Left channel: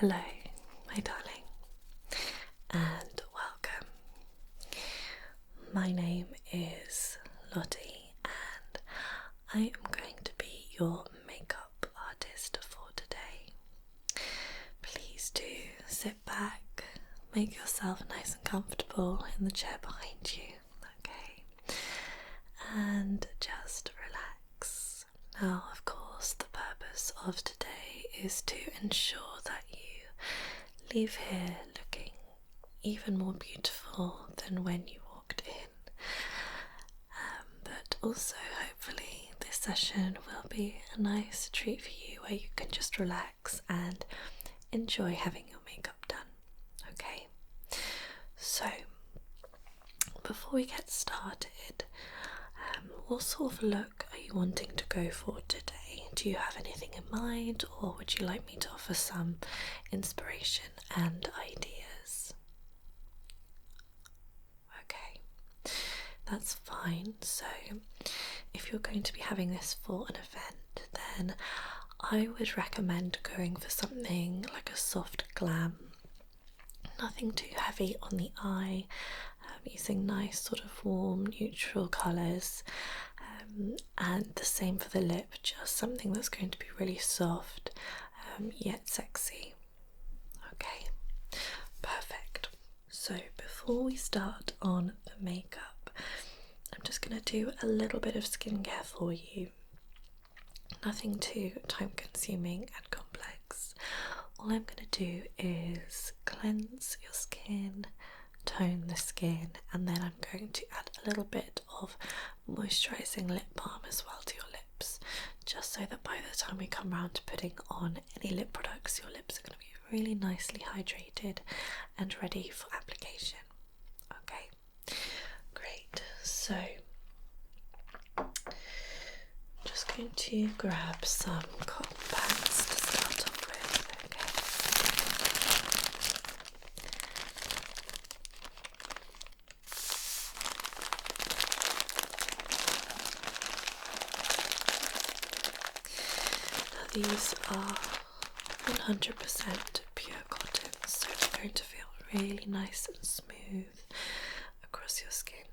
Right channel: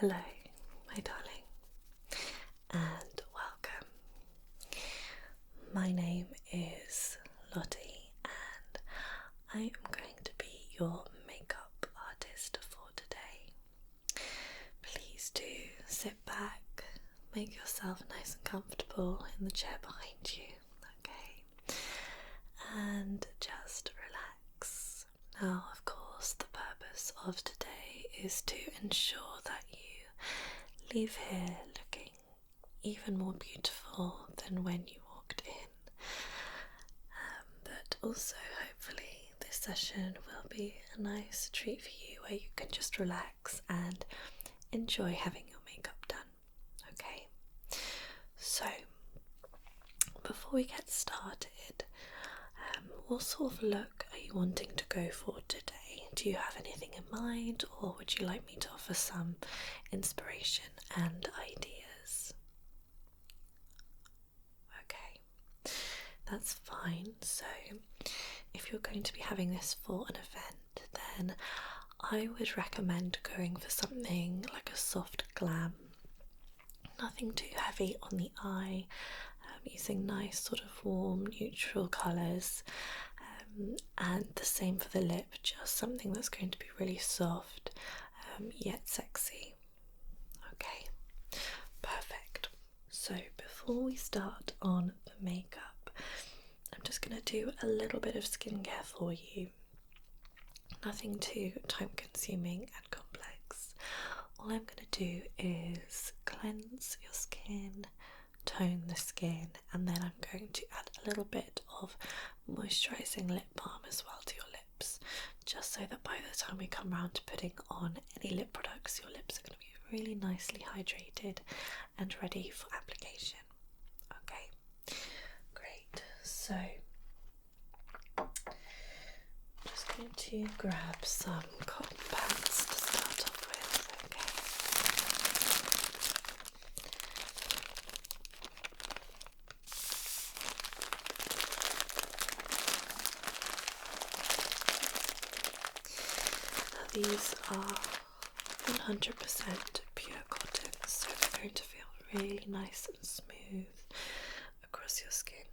Hello, my darling, and welcome. My name is Lottie, and I am going to be your makeup artist for today. Please do sit back, make yourself nice and comfortable in the chair behind you, okay? And just relax. Now, of course, the purpose of today is to ensure that you leave here looking even more beautiful than when you walked in. But also, hopefully, this session will be a nice treat for you where you can just relax and enjoy having your makeup done. Okay? So, before we get started, what sort of look are you wanting to go for today? Do you have anything in mind, or would you like me to offer some inspiration and ideas? Okay, that's fine. So if you're going to be having this for an event, then I would recommend going for something like a soft glam. Nothing too heavy on the eye, using nice sort of warm neutral colours, and the same for the lip, just something that's going to be really soft yet sexy. Okay, perfect. So before we start on the makeup, I'm just going to do a little bit of skincare for you. Nothing too time consuming and complex. All I'm going to do is cleanse your skin, tone the skin, and then I'm going to add a little bit of moisturizing lip balm as well to your lips, just so that by the time we come round to putting on any lip products, your lips are going to be really nicely hydrated and ready for application. Okay, great. So I'm just going to grab some cotton pads to start off with. Okay. These are 100% pure cotton, so they're going to feel really nice and smooth across your skin,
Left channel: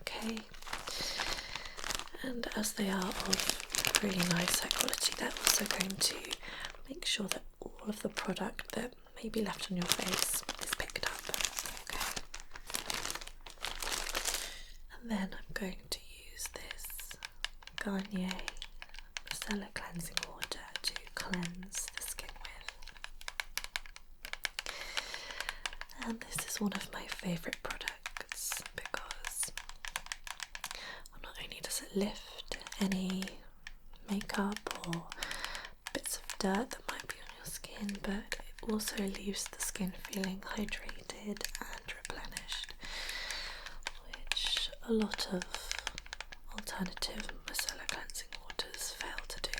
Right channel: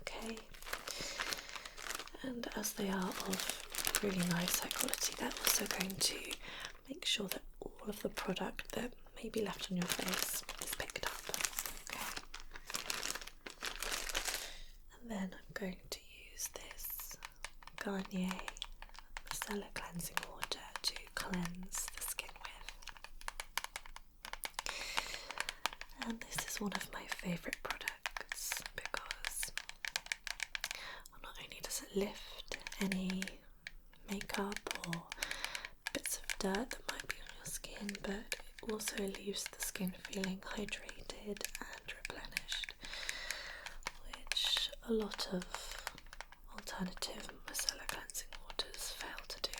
okay? And as they are of really nice high quality, they're also going to make sure that all of the product that may be left on your face is picked up, okay? And then I'm going to use this Garnier Micellar Cleansing Water to cleanse the skin with. And this is one of my favourite products because not only does it lift any makeup or bits of dirt that might be on your skin, but it also leaves the skin feeling hydrated and replenished, which a lot of alternative micellar cleansing waters fail to do.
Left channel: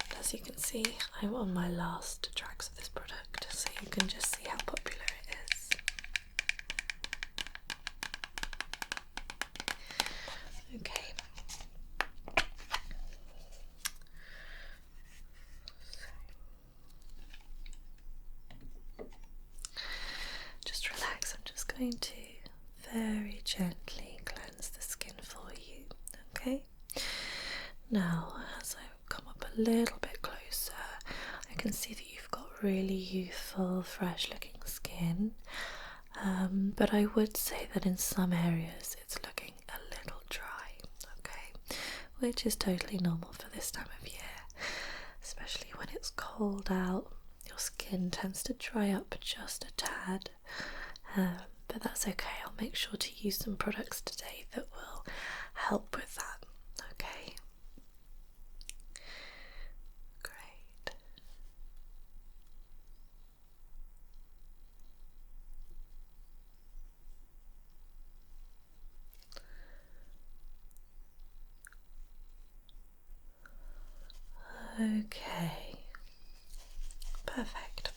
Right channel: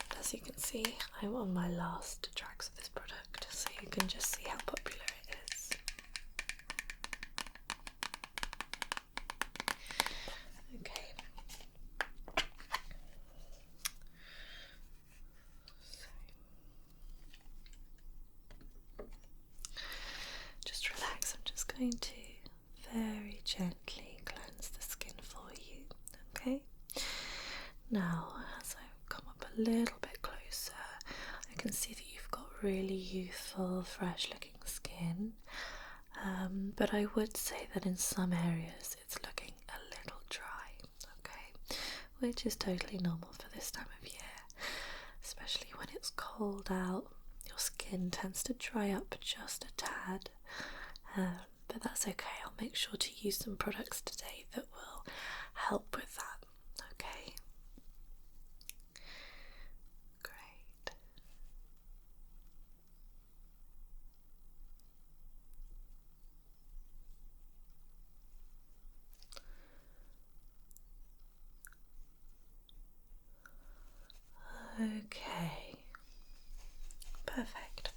And as you can see, I'm on my last drags of this product, so you can just see how popular it is. Okay. So, just relax. I'm just going to very gently cleanse the skin for you, okay? Now, as I come up a little bit closer, I can see that you've got really youthful, fresh looking skin, but I would say that in some areas it's looking a little dry, okay? Which is totally normal for this time of year, especially when it's cold out. Your skin tends to dry up just a tad, but that's okay. I'll make sure to use some products today that will help with that, okay? Great. Okay, perfect.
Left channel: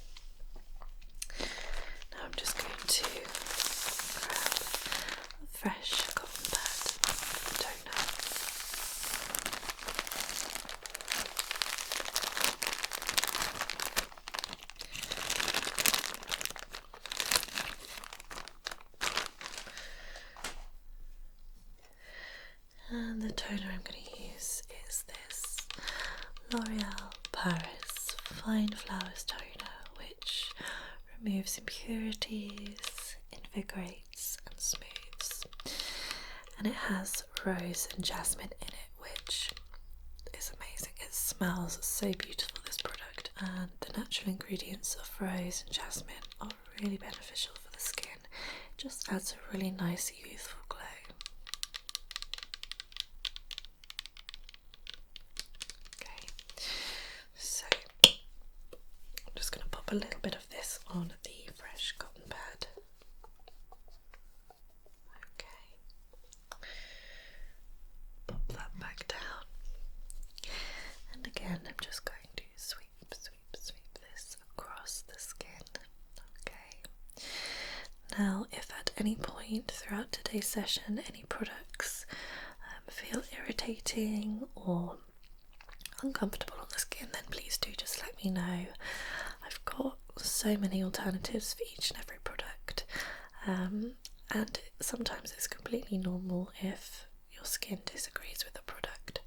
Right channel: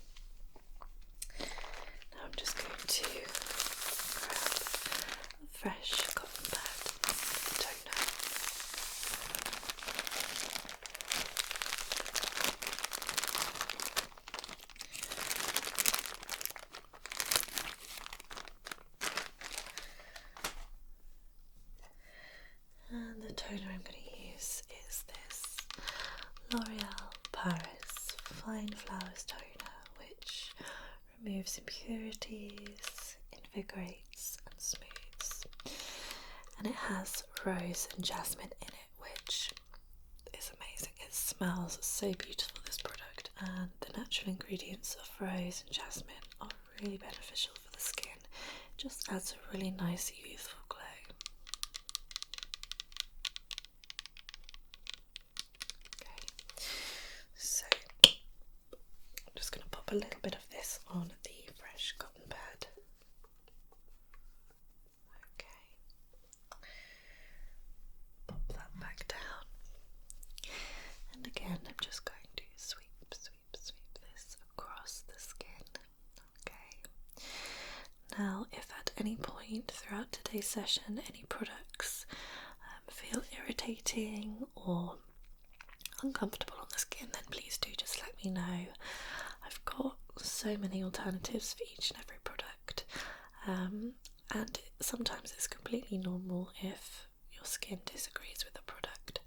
Now I'm just going to grab a fresh cotton pad toner L'Oreal Paris Fine Flowers Toner, which removes impurities, invigorates and smooths. And it has rose and jasmine in it, which is amazing. It smells so beautiful, this product, and the natural ingredients of rose and jasmine are really beneficial for the skin. It just adds a really nice youthful glow. Okay, so I'm just going to pop a little bit of this on the fresh cotton pad. Okay, pop that back down. And again, I'm just going to sweep this across the skin. Okay. Now, if at any point throughout today's session any products feel irritating or uncomfortable on the skin, then please do just let me know. I've got so many alternatives for each and every product, and sometimes it's completely normal if your skin disagrees with the product.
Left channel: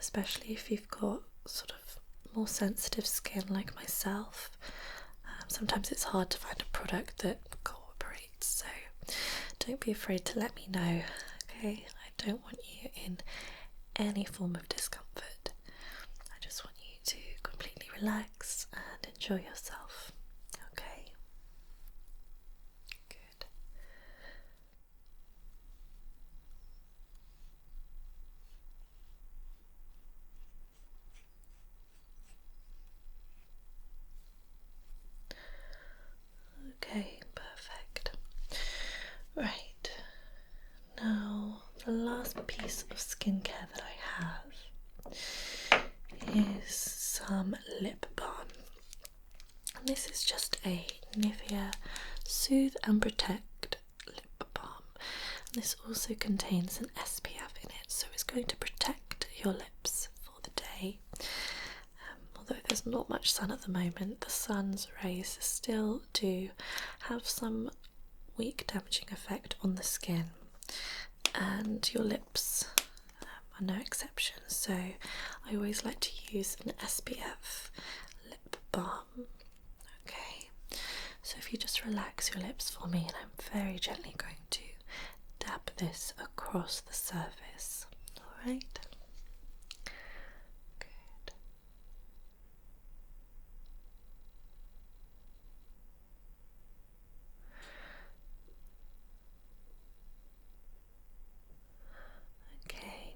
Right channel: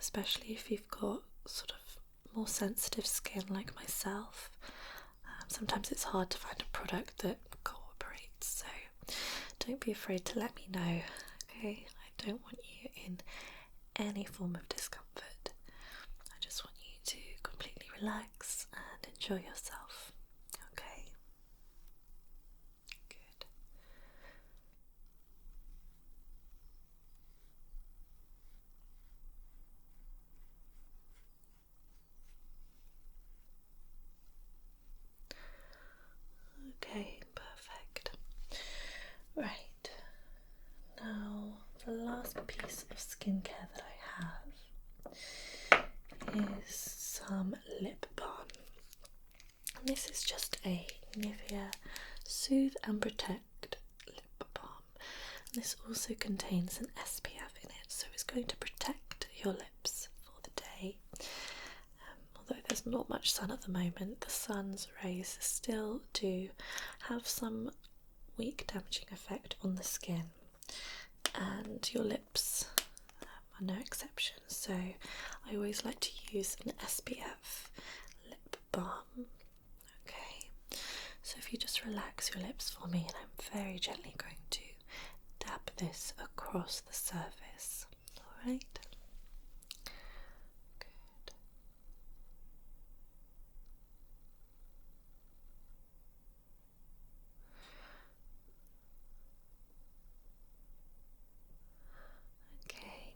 Especially if you've got sort of more sensitive skin like myself. Sometimes it's hard to find a product that cooperates, so don't be afraid to let me know, okay? I don't want you in any form of discomfort. I just want you to completely relax and enjoy yourself, okay? Good. Okay, perfect. Right, now the last piece of skincare that I have is some lip balm. And this is just a Nivea Soothe and Protect lip balm. And this also contains an SPF in it, so it's going to protect your lips for the day. Although there's not much sun at the moment, the sun's rays still do have some weak damaging effect on the skin, and your lips are no exception. So I always like to use an SPF lip balm. Okay, so if you just relax your lips for me, and I'm very gently going to dab this across the surface. Alright.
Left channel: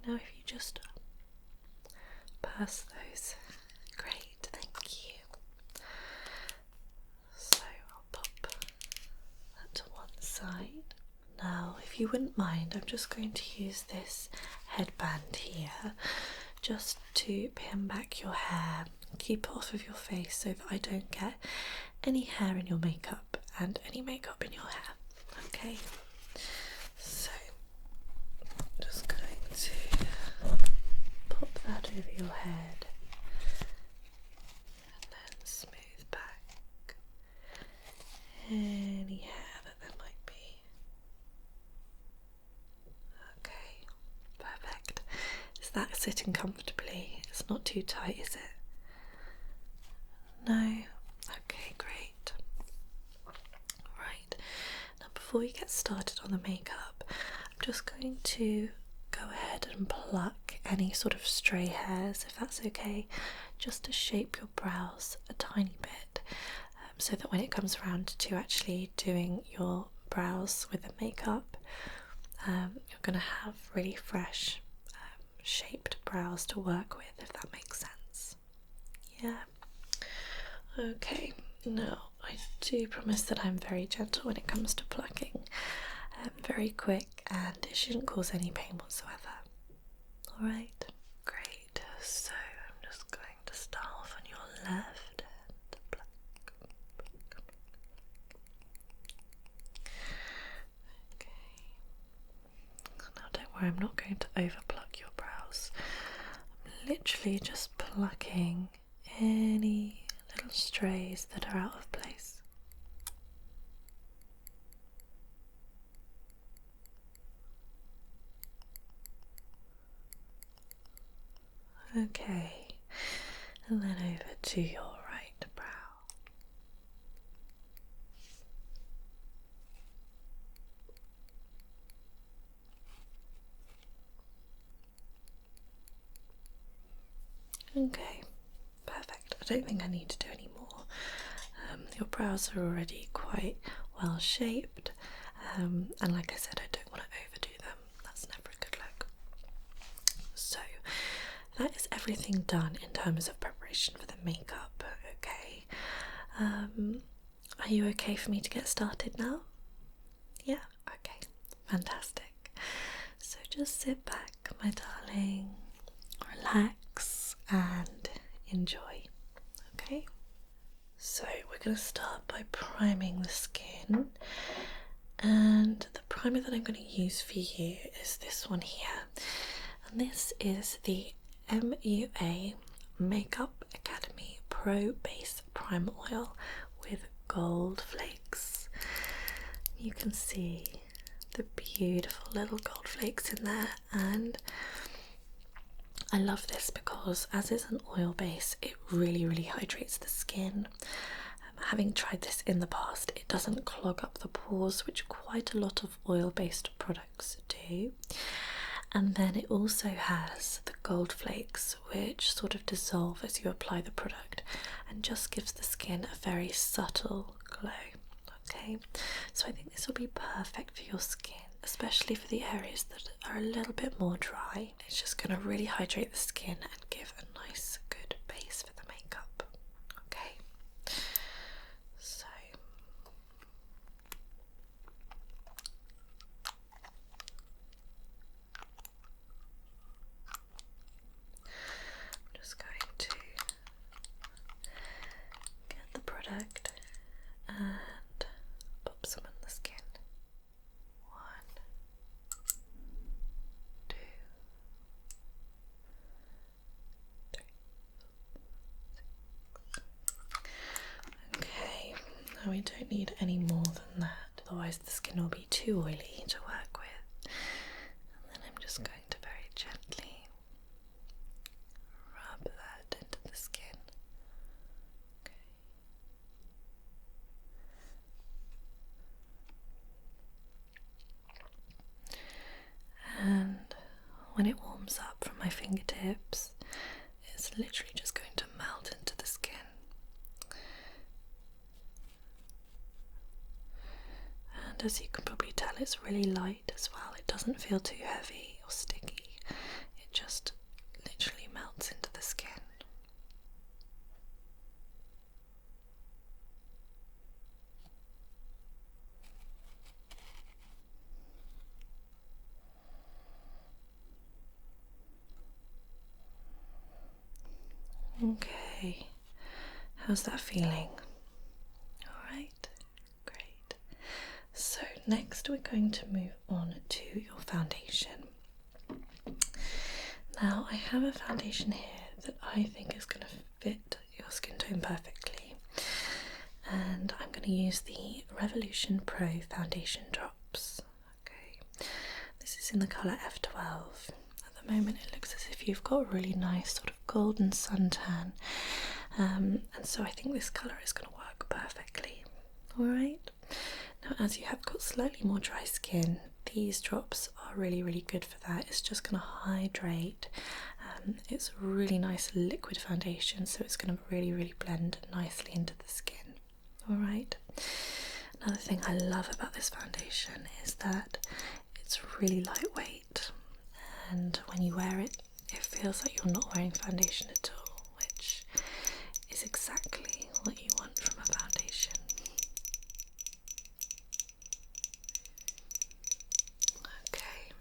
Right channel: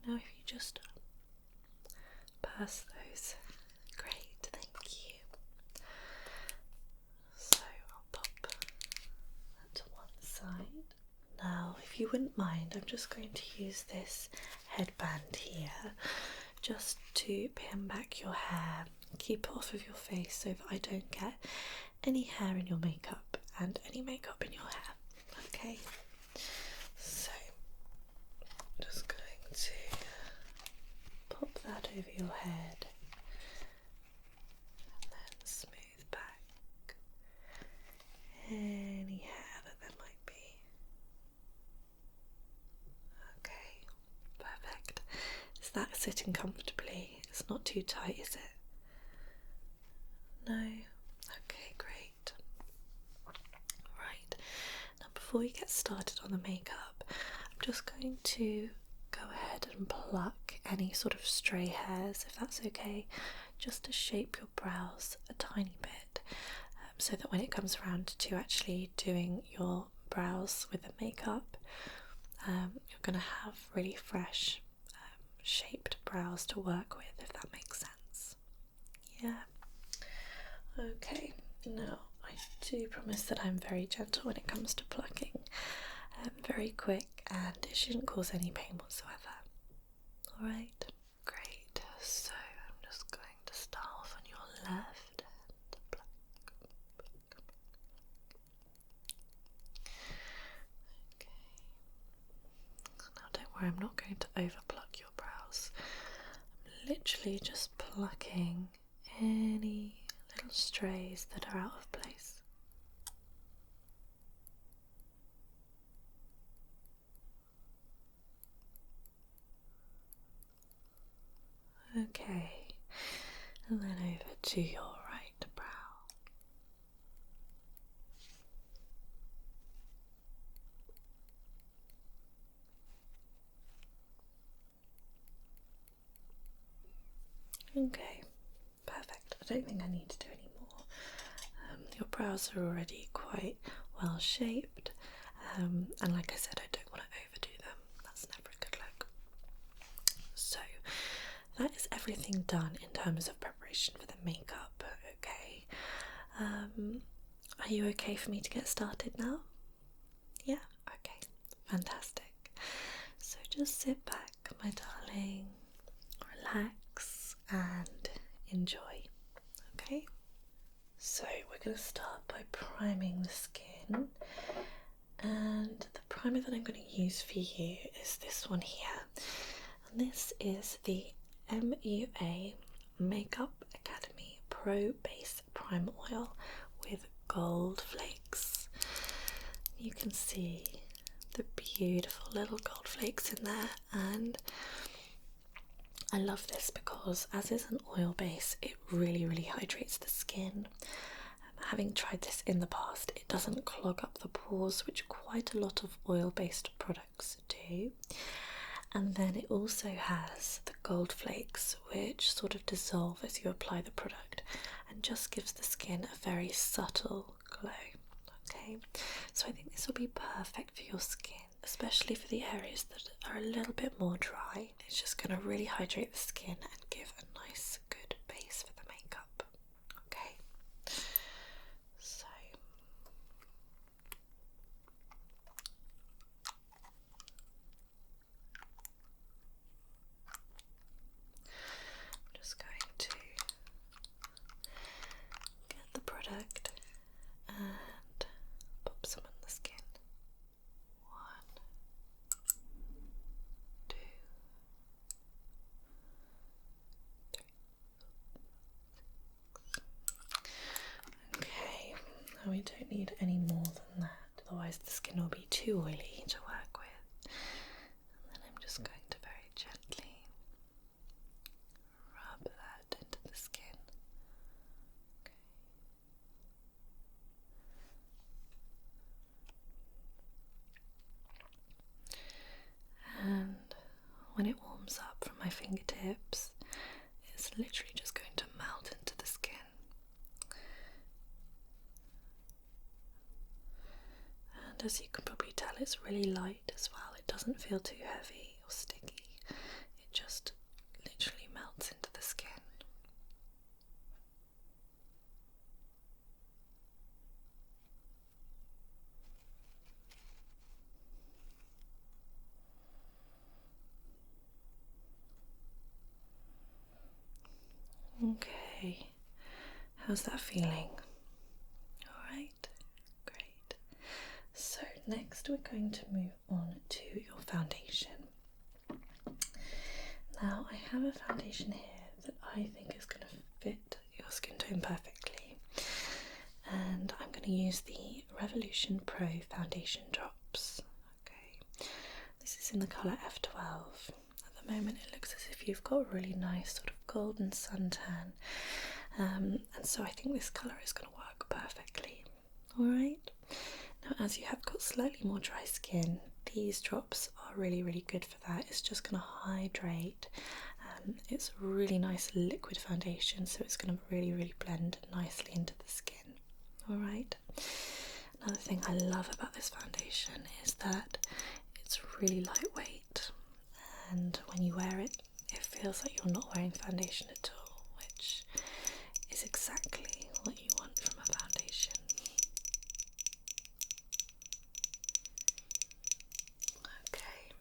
Now if you just pass those, great, thank you. So I'll pop that to one side. Now if you wouldn't mind, I'm just going to use this headband here just to pin back your hair, keep it off of your face so that I don't get any hair in your makeup and any makeup in your hair. Okay, so just going to pop that over your head and then smooth back any hair that there might be. Okay, perfect. Is that sitting comfortably? It's not too tight, is it? No? Okay, great. Right, now before we get started on the makeup, I'm just going to go ahead and pluck any sort of stray hairs, if that's okay, just to shape your brows a tiny bit, so that when it comes around to actually doing your brows with the makeup, you're going to have really fresh shaped brows to work with, if that makes sense. Yeah. Okay, now I do promise that I'm very gentle when it comes to plucking, very quick, and it shouldn't cause any pain whatsoever. Alright, great. So I'm just going to start off on your left and pluck. Okay. Now don't worry, I'm not going to over pluck your brows. I'm literally just plucking any little strays that are out of place. Okay, and then over to your right brow. Okay, perfect. I don't think I need to do any more. Your brows are already quite well shaped, and like I said, I don't want to overdo them. That's never a good look. So that is everything done in terms of preparation for the makeup. Okay. Are you okay for me to get started now? Yeah? Okay. Fantastic. So just sit back, my darling, relax and enjoy. Okay? So we're going to start by priming the skin, and the primer that I'm going to use for you is this one here, and this is the MUA Makeup Academy Pro Base Primer Oil with gold flakes. You can see the beautiful little gold flakes in there, and I love this because as it's an oil base, it really hydrates the skin. Having tried this in the past, it doesn't clog up the pores, which quite a lot of oil-based products do. And then it also has the gold flakes, which sort of dissolve as you apply the product and just gives the skin a very subtle glow. Okay, so I think this will be perfect for your skin, especially for the areas that are a little bit more dry. It's just going to really hydrate the skin and give a nice, good base for the makeup. Okay, so I'm just going to get the product and pop some on the skin. 1, 2, 3, 4, 5, 6. Okay, now we don't need any more than that, otherwise the skin will be too oily to work with. And then I'm just going to very gently rub that into the skin. Okay. And when it warms up from my fingertips, it's literally just going to melt into the skin. And as you can probably tell, it's really light as well. It doesn't feel too heavy or sticky. It just literally melts into the skin. Okay, how's that feeling? Alright, great. So next we're going to move on to your foundation. Now I have a foundation here that I think is going to fit your skin tone perfectly, and I'm going to use the Revolution Pro Foundation Drops. Okay, this is in the colour F12. At the moment it looks as if you've got a really nice sort of golden suntan, and so I think this colour is going to work perfectly. Alright, now as you have got slightly more dry skin, these drops are really good for that. It's just going to hydrate. It's a really nice liquid foundation, so it's going to really blend nicely into the skin. Alright, another thing I love about this foundation is that it's really lightweight, and when you wear it, it feels like you're not wearing foundation at all, which is exactly what you want from a foundation. Okay,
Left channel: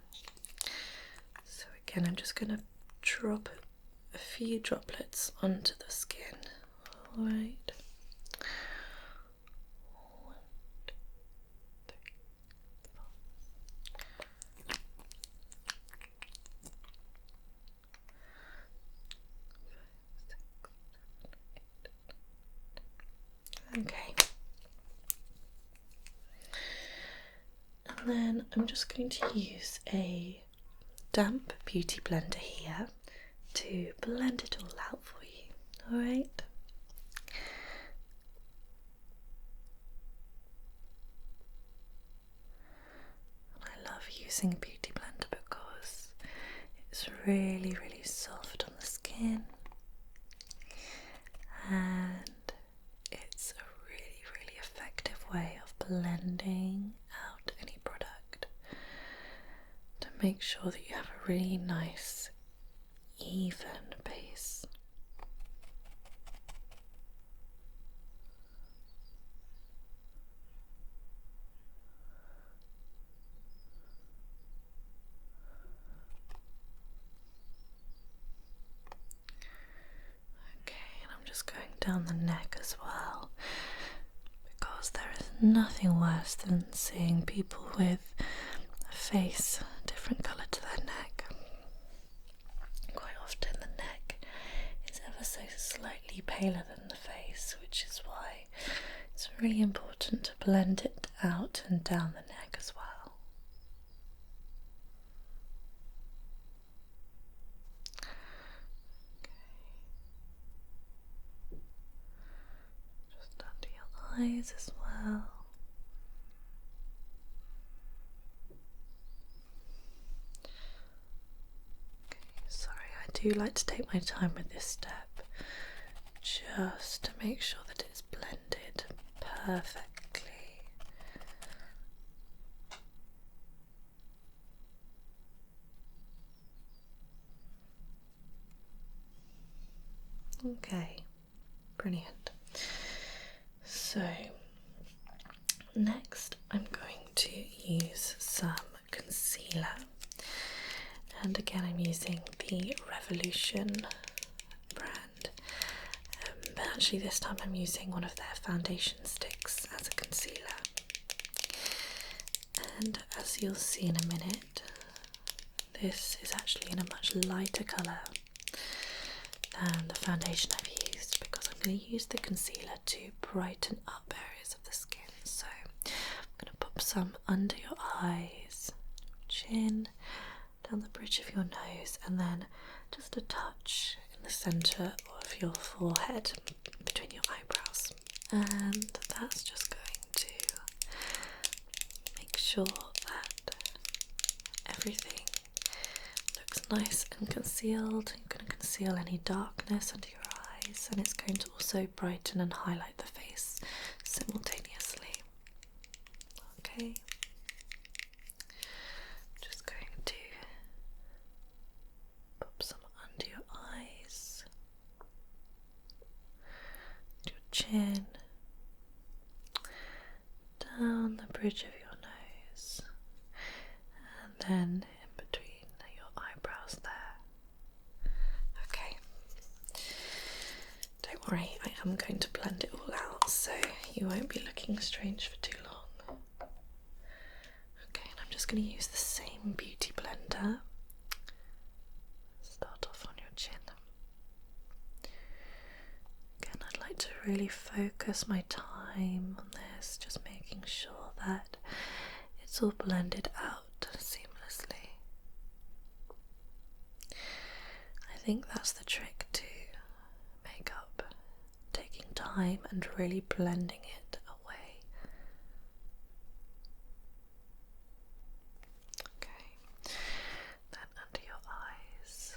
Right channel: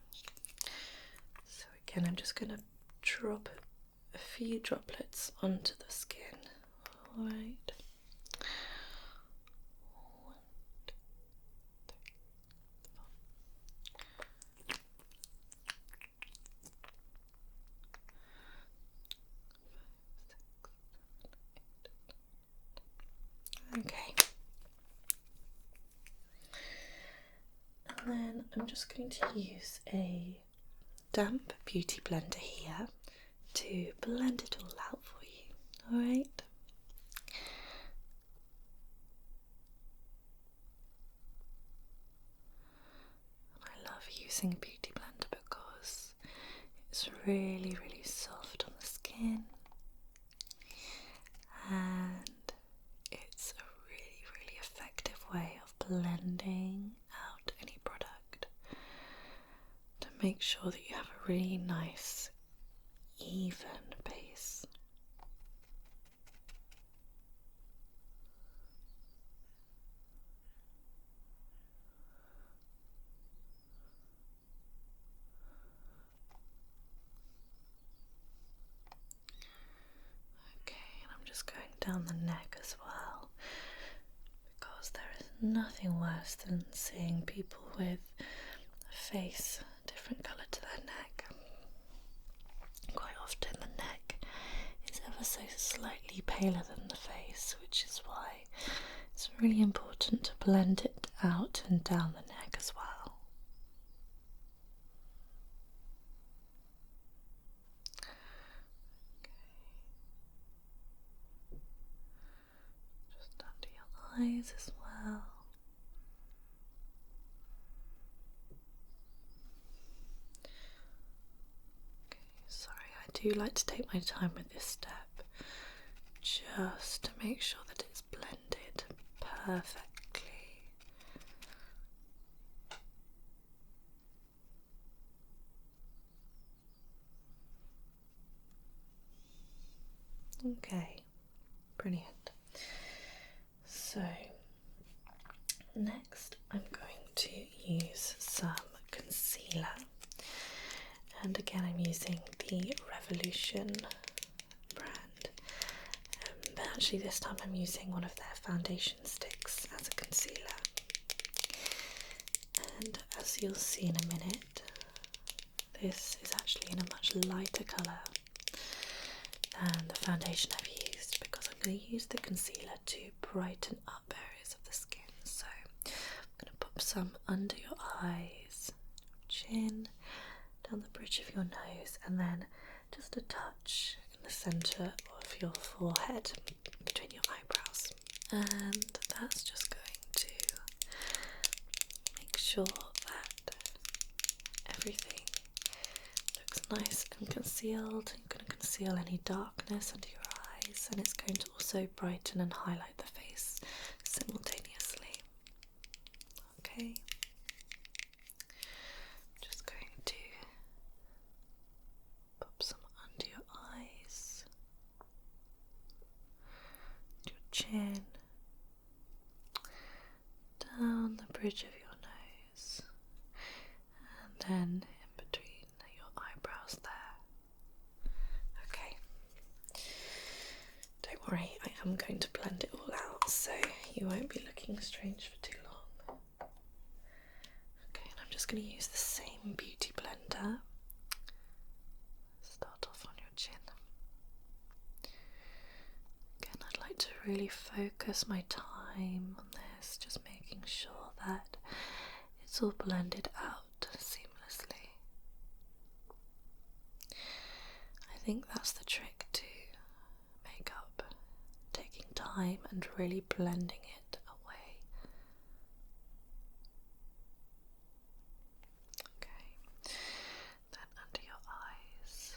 so again, I'm just going to drop a few droplets onto the skin. Alright. 1, 2, 3, 4, 5, 6, 7, 8. Okay. And then I'm just going to use a damp beauty blender here to blend it all out for you. Alright. I love using a beauty blender because it's really, really soft on the skin, and it's a really, really effective way of blending out any product to make sure that you have a really nice, even base. Okay, and I'm just going down the neck as well, because there is nothing worse than seeing people with a face a different colour to their neck. Quite often the neck is ever so slightly paler than the face, which is why it's really important to blend it out and down the neck as well. Just under your eyes as well. Okay, sorry, I do like to take my time with this step, just to make sure that it's blended perfectly. Okay, brilliant. So next I'm going to use some concealer, and again I'm using the Revolution brand, but actually this time I'm using one of their foundation sticks as a concealer, and as you'll see in a minute, this is actually in a much lighter colour than the foundation I've used, because I'm going to use the concealer to brighten up areas of the skin. So I'm going to pop some under your eyes, chin, down the bridge of your nose, and then just a touch in the centre of your forehead between your eyebrows. And that's just going to make sure that everything looks nice and concealed. You're going to conceal any darkness under your eyes, and it's going to also brighten and highlight the face simultaneously. Okay, I'm just going to pop some under your eyes, your chin, down the bridge of your nose, and then in between your eyebrows there. Okay, don't worry, I am going to blend it all out so you won't be looking strange for too long. Okay, and I'm just going to use the same beauty blender. Start off on your chin. Again, I'd like to really focus my time on this, just making sure that it's all blended out seamlessly. I think that's the trick to makeup, taking time and really blending it away. Okay, then under your eyes.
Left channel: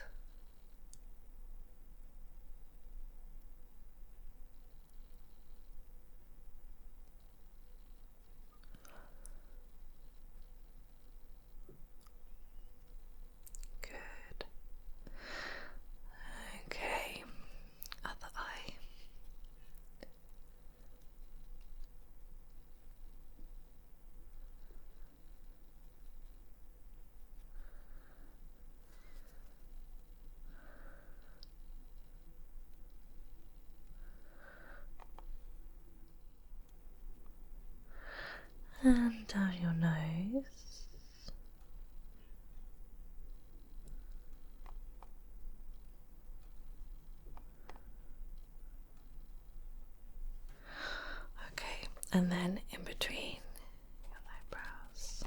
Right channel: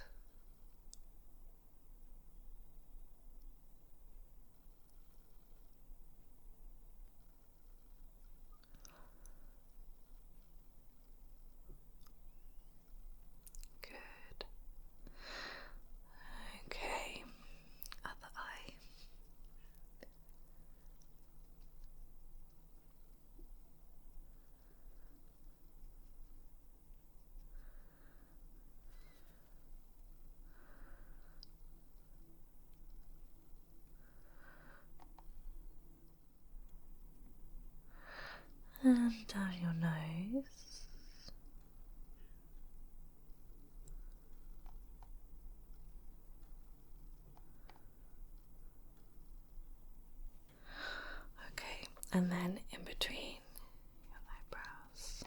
Good. Okay, other eye. And down your nose. Okay, and then in between your eyebrows.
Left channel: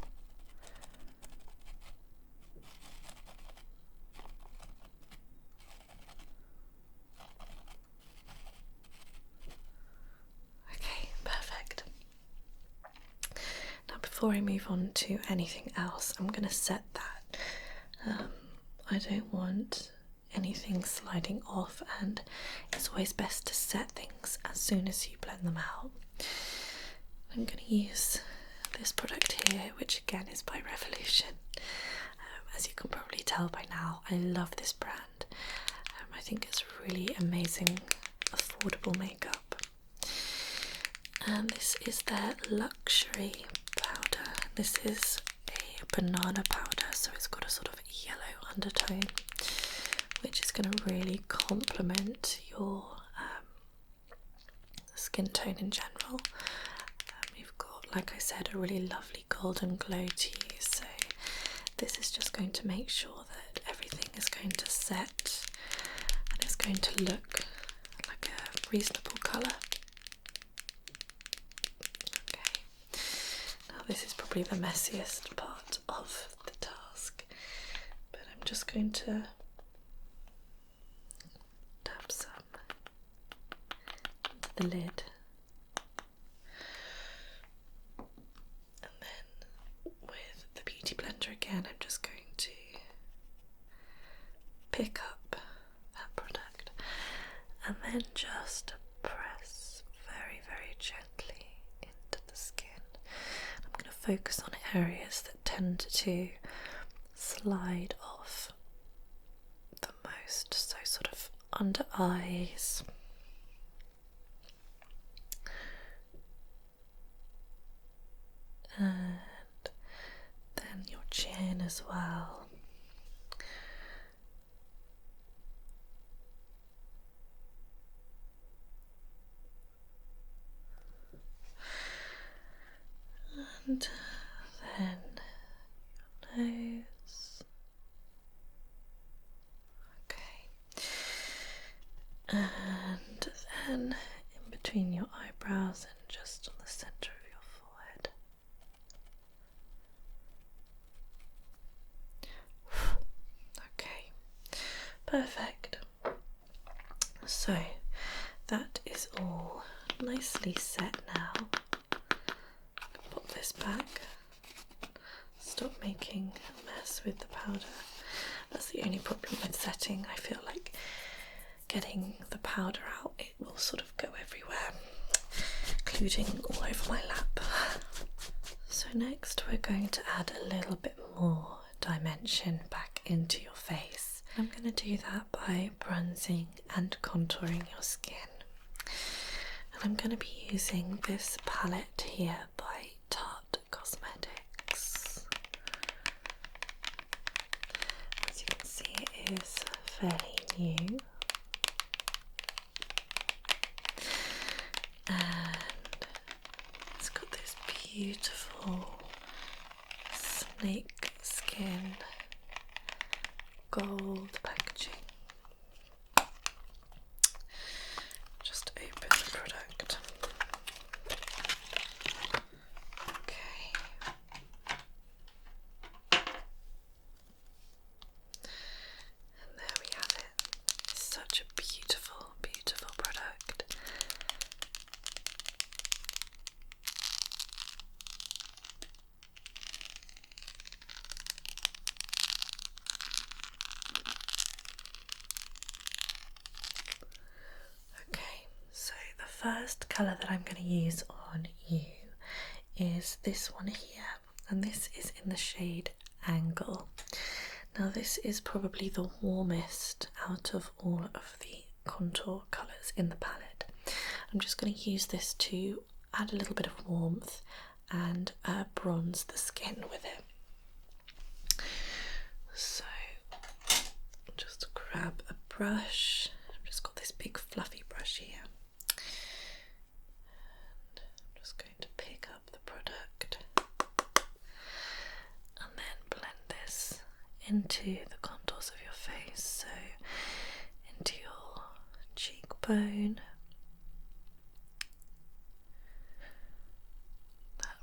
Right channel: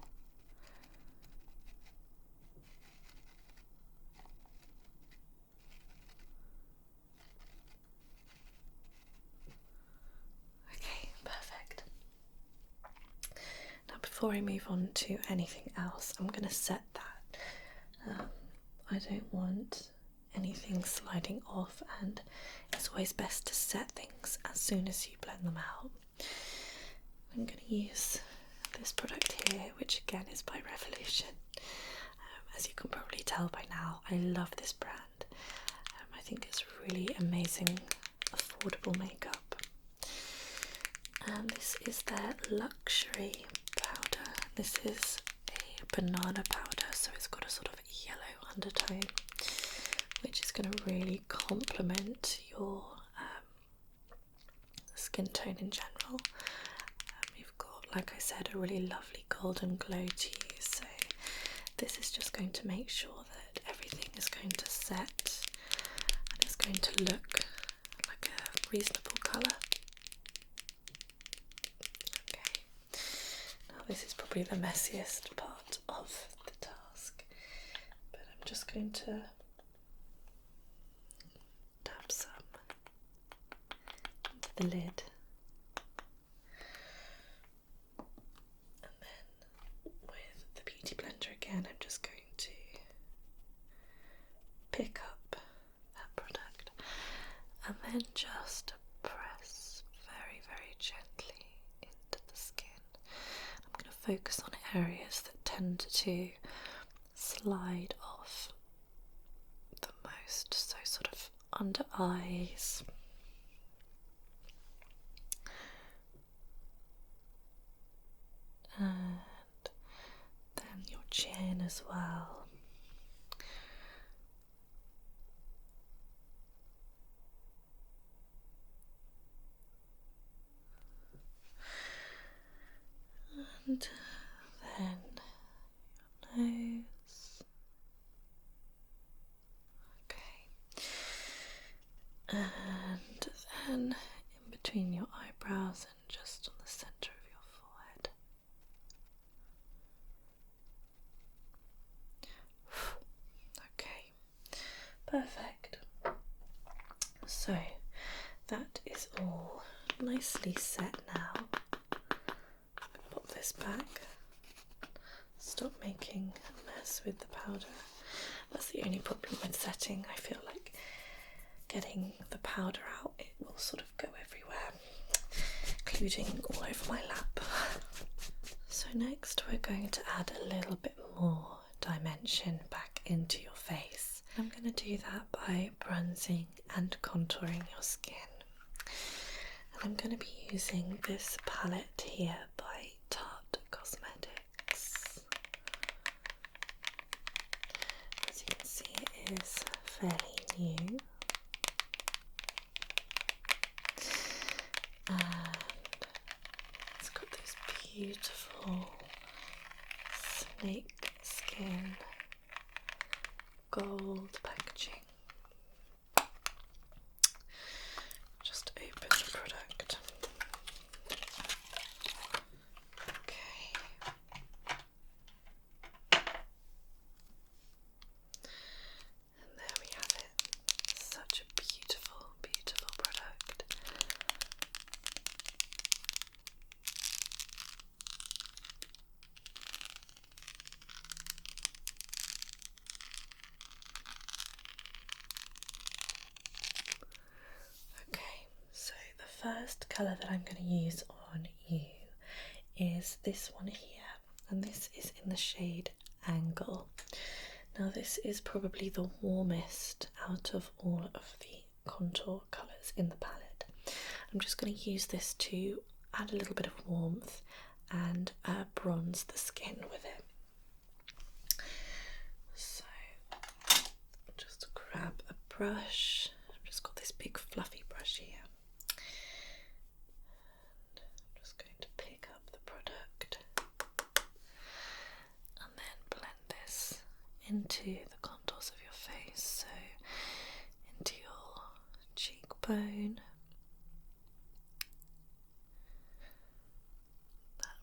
before I move on to anything else, I'm going to set that. I don't want anything sliding off, and it's always best to set things as soon as you blend them out. I'm going to use this product here, which again is by Revolution. As you can probably tell by now, I love this brand. I think it's really amazing, affordable makeup. And this is their luxury powder. This is a banana powder, so it's got a sort of yellow undertone, which is going to really complement your skin tone in general. You've got, like I said, a really lovely golden glow to you, so this is just going to make sure that everything is going to set and it's going to look like a reasonable colour. Okay, now this is probably the messiest part of the task, but I'm just going to dab some into the lid, and then with the beauty blender again, I'm just going to pick up that product and then just press very, very gently into the skin. I'm going to focus on areas that tend to slide off the most, so sort of under eyes, and then your chin as well. And then your nose. Okay. And then in between your eyebrows and just on the centre of your forehead. Okay, perfect. So that is all nicely set now. Pop this back. Stop making a mess with the powder. That's the only problem with setting. I feel like getting the powder out, it will sort of go everywhere, including all over my lap. So next we're going to add a little bit more dimension back into your face. I'm going to do that by bronzing and contouring your skin. And I'm going to be using this palette here by Tarte Cosmetics. As you can see, it is fairly new. And it's got this beautiful snake skin gold packaging. Just open the product. Okay. And there we have it. Such a beautiful, beautiful product. Okay, so the first colour that I'm going to use on you is this one here, and this is in the shade Angle. Now this is probably the warmest out of all of the contour colours in the palette. I'm just going to use this to add a little bit of warmth and bronze the skin with it. So just grab a brush. I've just got this big fluffy brush here. And I'm just going to pick up the product and then blend this into the contours of your face, so into your cheekbone. That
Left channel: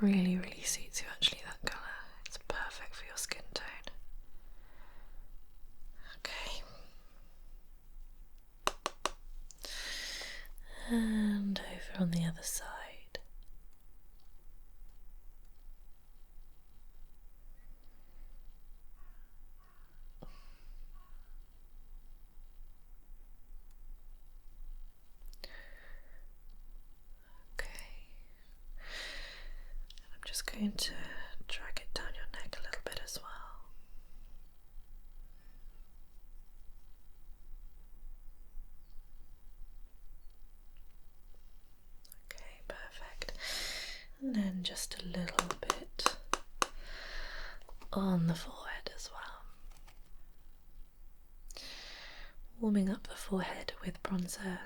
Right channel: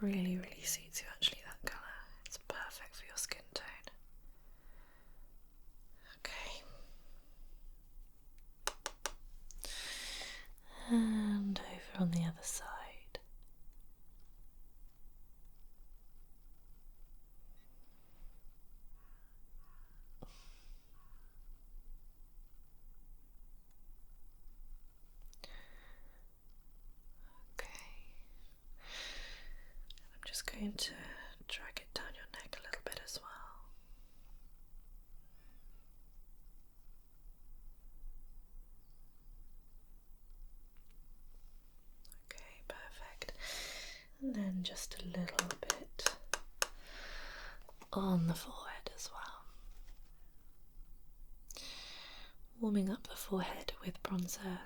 really, really suits you actually, that colour. It's perfect for your skin tone. Okay. And over on the other side. going to drag it down your neck a little bit as well. Okay, perfect. And then just a little bit on the forehead as well. Warming up the forehead with bronzer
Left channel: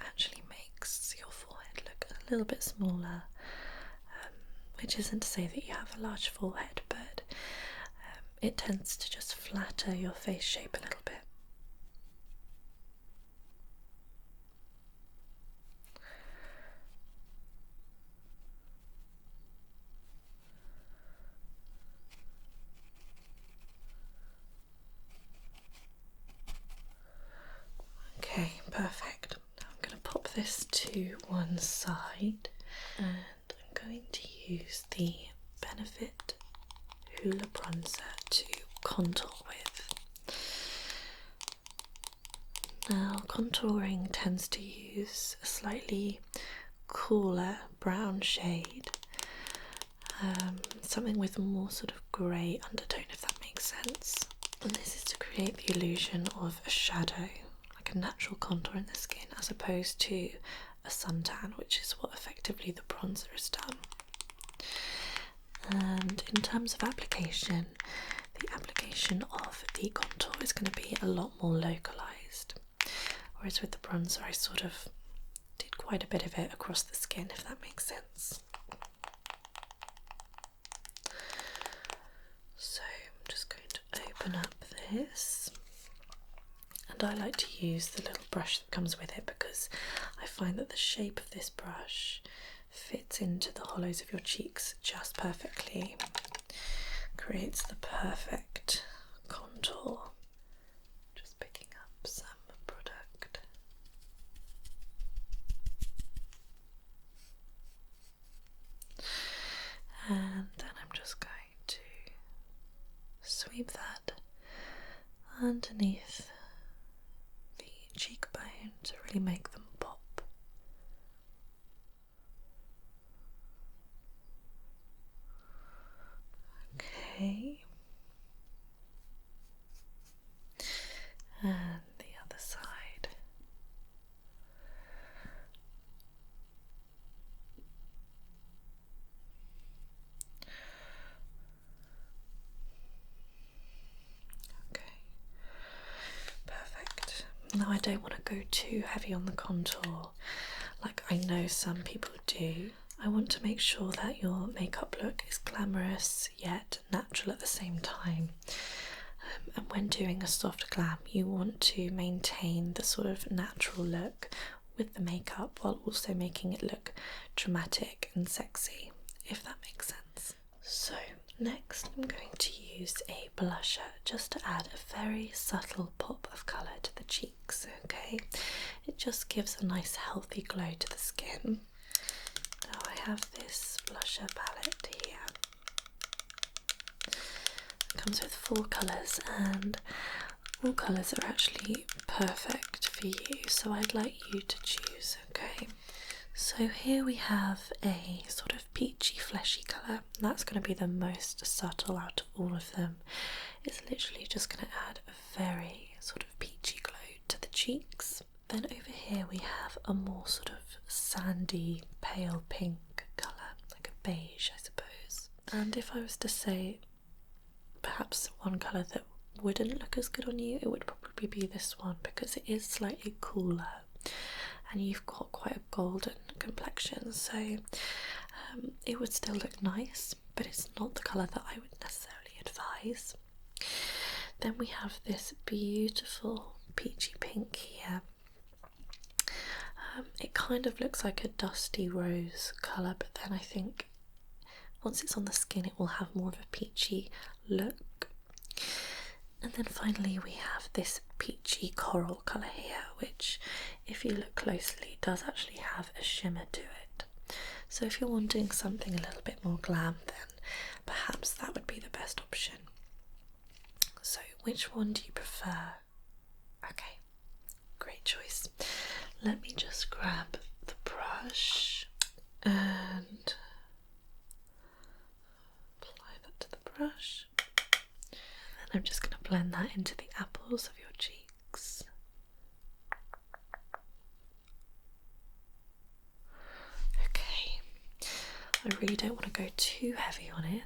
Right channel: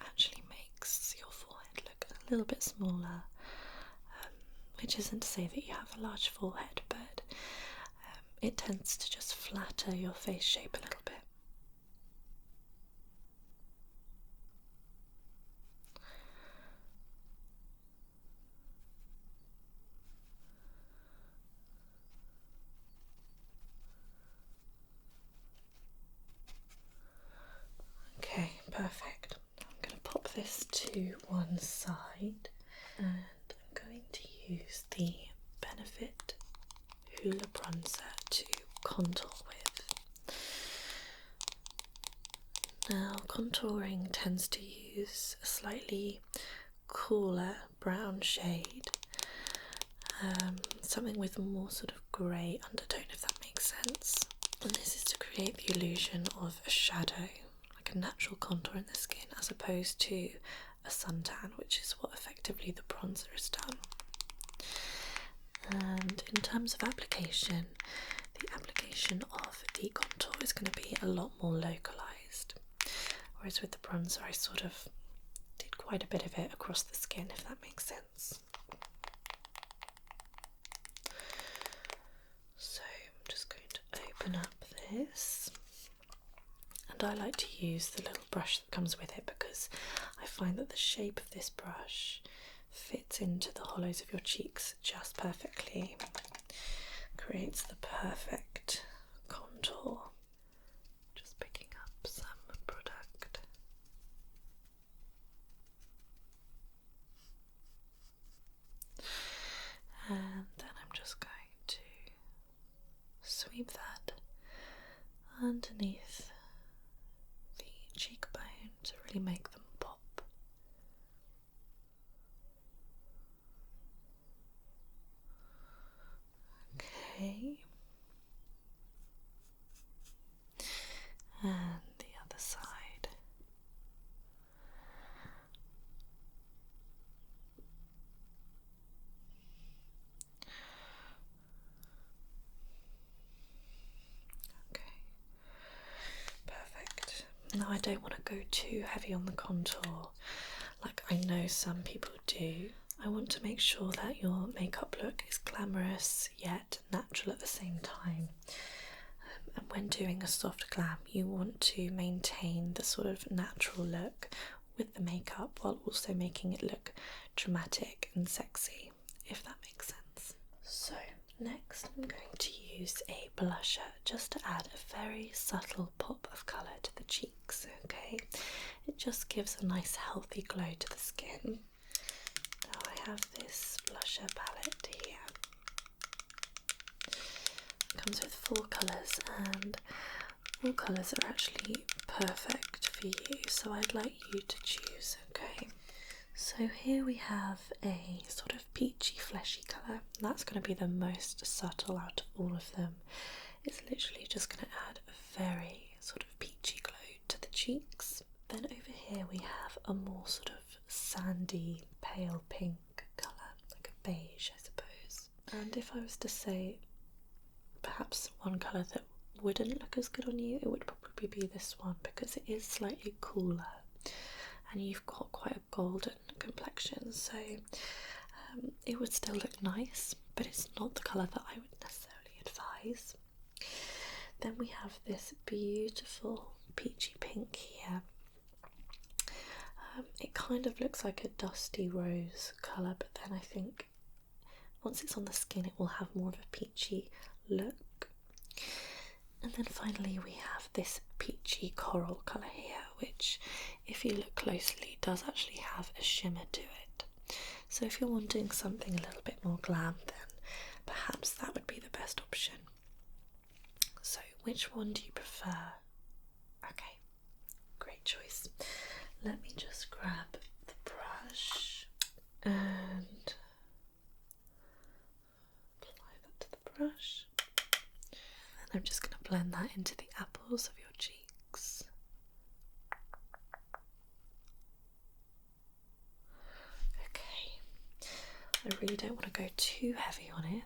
actually makes your forehead look a little bit smaller, which isn't to say that you have a large forehead, but it tends to just flatter your face shape a little bit. Okay, perfect. Now I'm going to pop this to one side and I'm going to use the Benefit Hoola Bronzer to contour with. Now, contouring tends to use a slightly cooler brown shade, something with more sort of grey undertone, if that makes sense. And this is to create the illusion of a shadow, like a natural contour in the skin, as opposed to a suntan, which is what effectively the bronzer has done. And in terms of application, the application of the contour is going to be a lot more localised, whereas with the bronzer I sort of did quite a bit of it across the skin, if that makes sense. So I'm just going to open up this, and I like to use the little brush that comes with it because I find that the shape of this brush fits into the hollows of your cheeks just perfectly, creates the perfect contour. Just picking up some product. And then I'm just going to sweep that underneath the cheekbone to really make them pop. Okay, and the other side. Okay, perfect. Now I don't want to go too heavy on the contour like I know some people do. I want to make sure that your makeup look is glamorous yet natural at the same time. And when doing a soft glam, you want to maintain the sort of natural look with the makeup while also making it look dramatic and sexy, if that makes sense. So next I'm going to use a blusher just to add a very subtle pop of colour to the cheeks, okay? It just gives a nice healthy glow to the skin. Now I have this blusher palette here. It comes with 4 colours and all colours are actually perfect for you, so I'd like you to choose, okay? So here we have a sort of peachy fleshy colour. That's going to be the most subtle out of all of them. It's literally just going to add a very sort of peachy glow to the cheeks. Then over here we have a more sort of sandy pale pink colour, like a beige I suppose. And if I was to say perhaps one colour that wouldn't look as good on you, it would probably be this one because it is slightly cooler and you've got quite a golden complexion, so it would still look nice, but it's not the colour that I would necessarily advise. Then we have this beautiful peachy pink here. It kind of looks like a dusty rose colour, but then I think once it's on the skin it will have more of a peachy look. And then finally we have this peachy coral colour here, which if you look closely does actually have a shimmer to it. So if you're wanting something a little bit more glam, then perhaps that would be the best option. So which one do you prefer? Okay, great choice. Let me just grab the brush and I'm just going to blend that into the apples of your cheeks. Okay, I really don't want to go too heavy on it,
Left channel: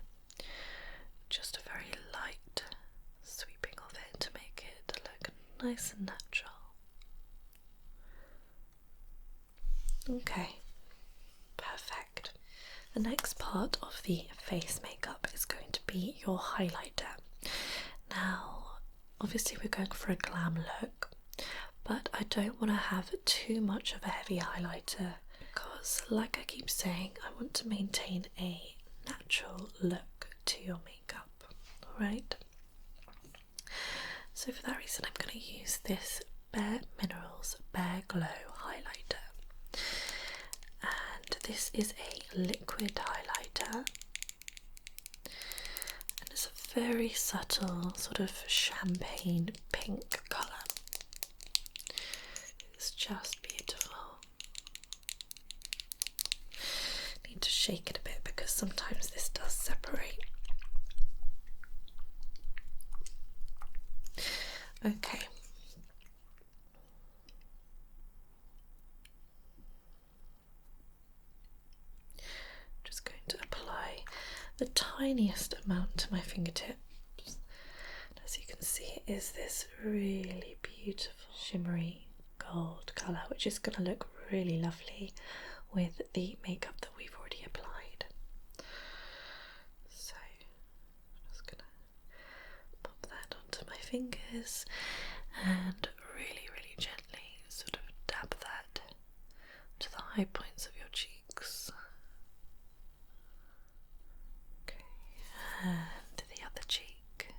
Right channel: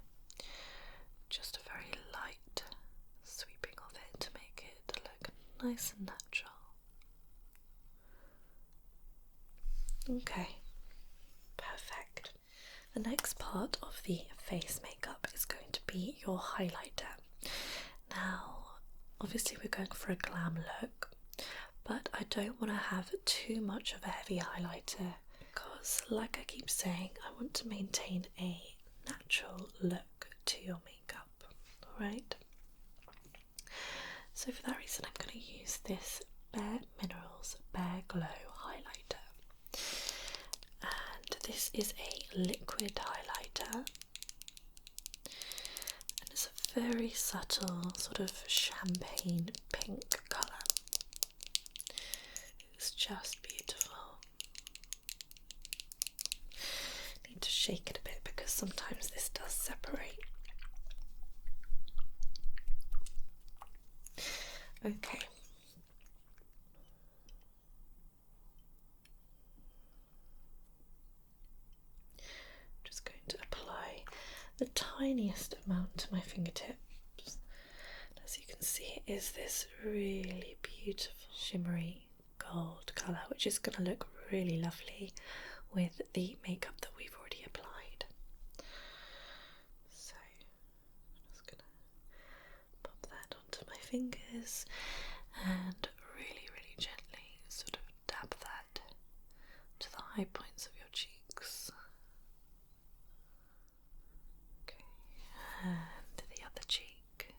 just a very light sweeping of it to make it look nice and natural. Okay, perfect. The next part of the face makeup is going to be your highlighter. Now, obviously we're going for a glam look, but I don't want to have too much of a heavy highlighter because, like I keep saying, I want to maintain a natural look to your makeup, alright? So for that reason I'm going to use this Bare Minerals Bare Glow highlighter. And this is a liquid highlighter, and it's a very subtle sort of champagne pink colour. It's just beautiful. Need to shake it a bit because sometimes this does separate. Okay. Just going to apply the tiniest amount to my fingertips. As you can see, it is this really beautiful shimmery gold colour, which is going to look really lovely with the makeup that we've already applied. So I'm just going to pop that onto my fingers and really, really gently sort of dab that to the high points of your cheeks. Okay, and the other cheek.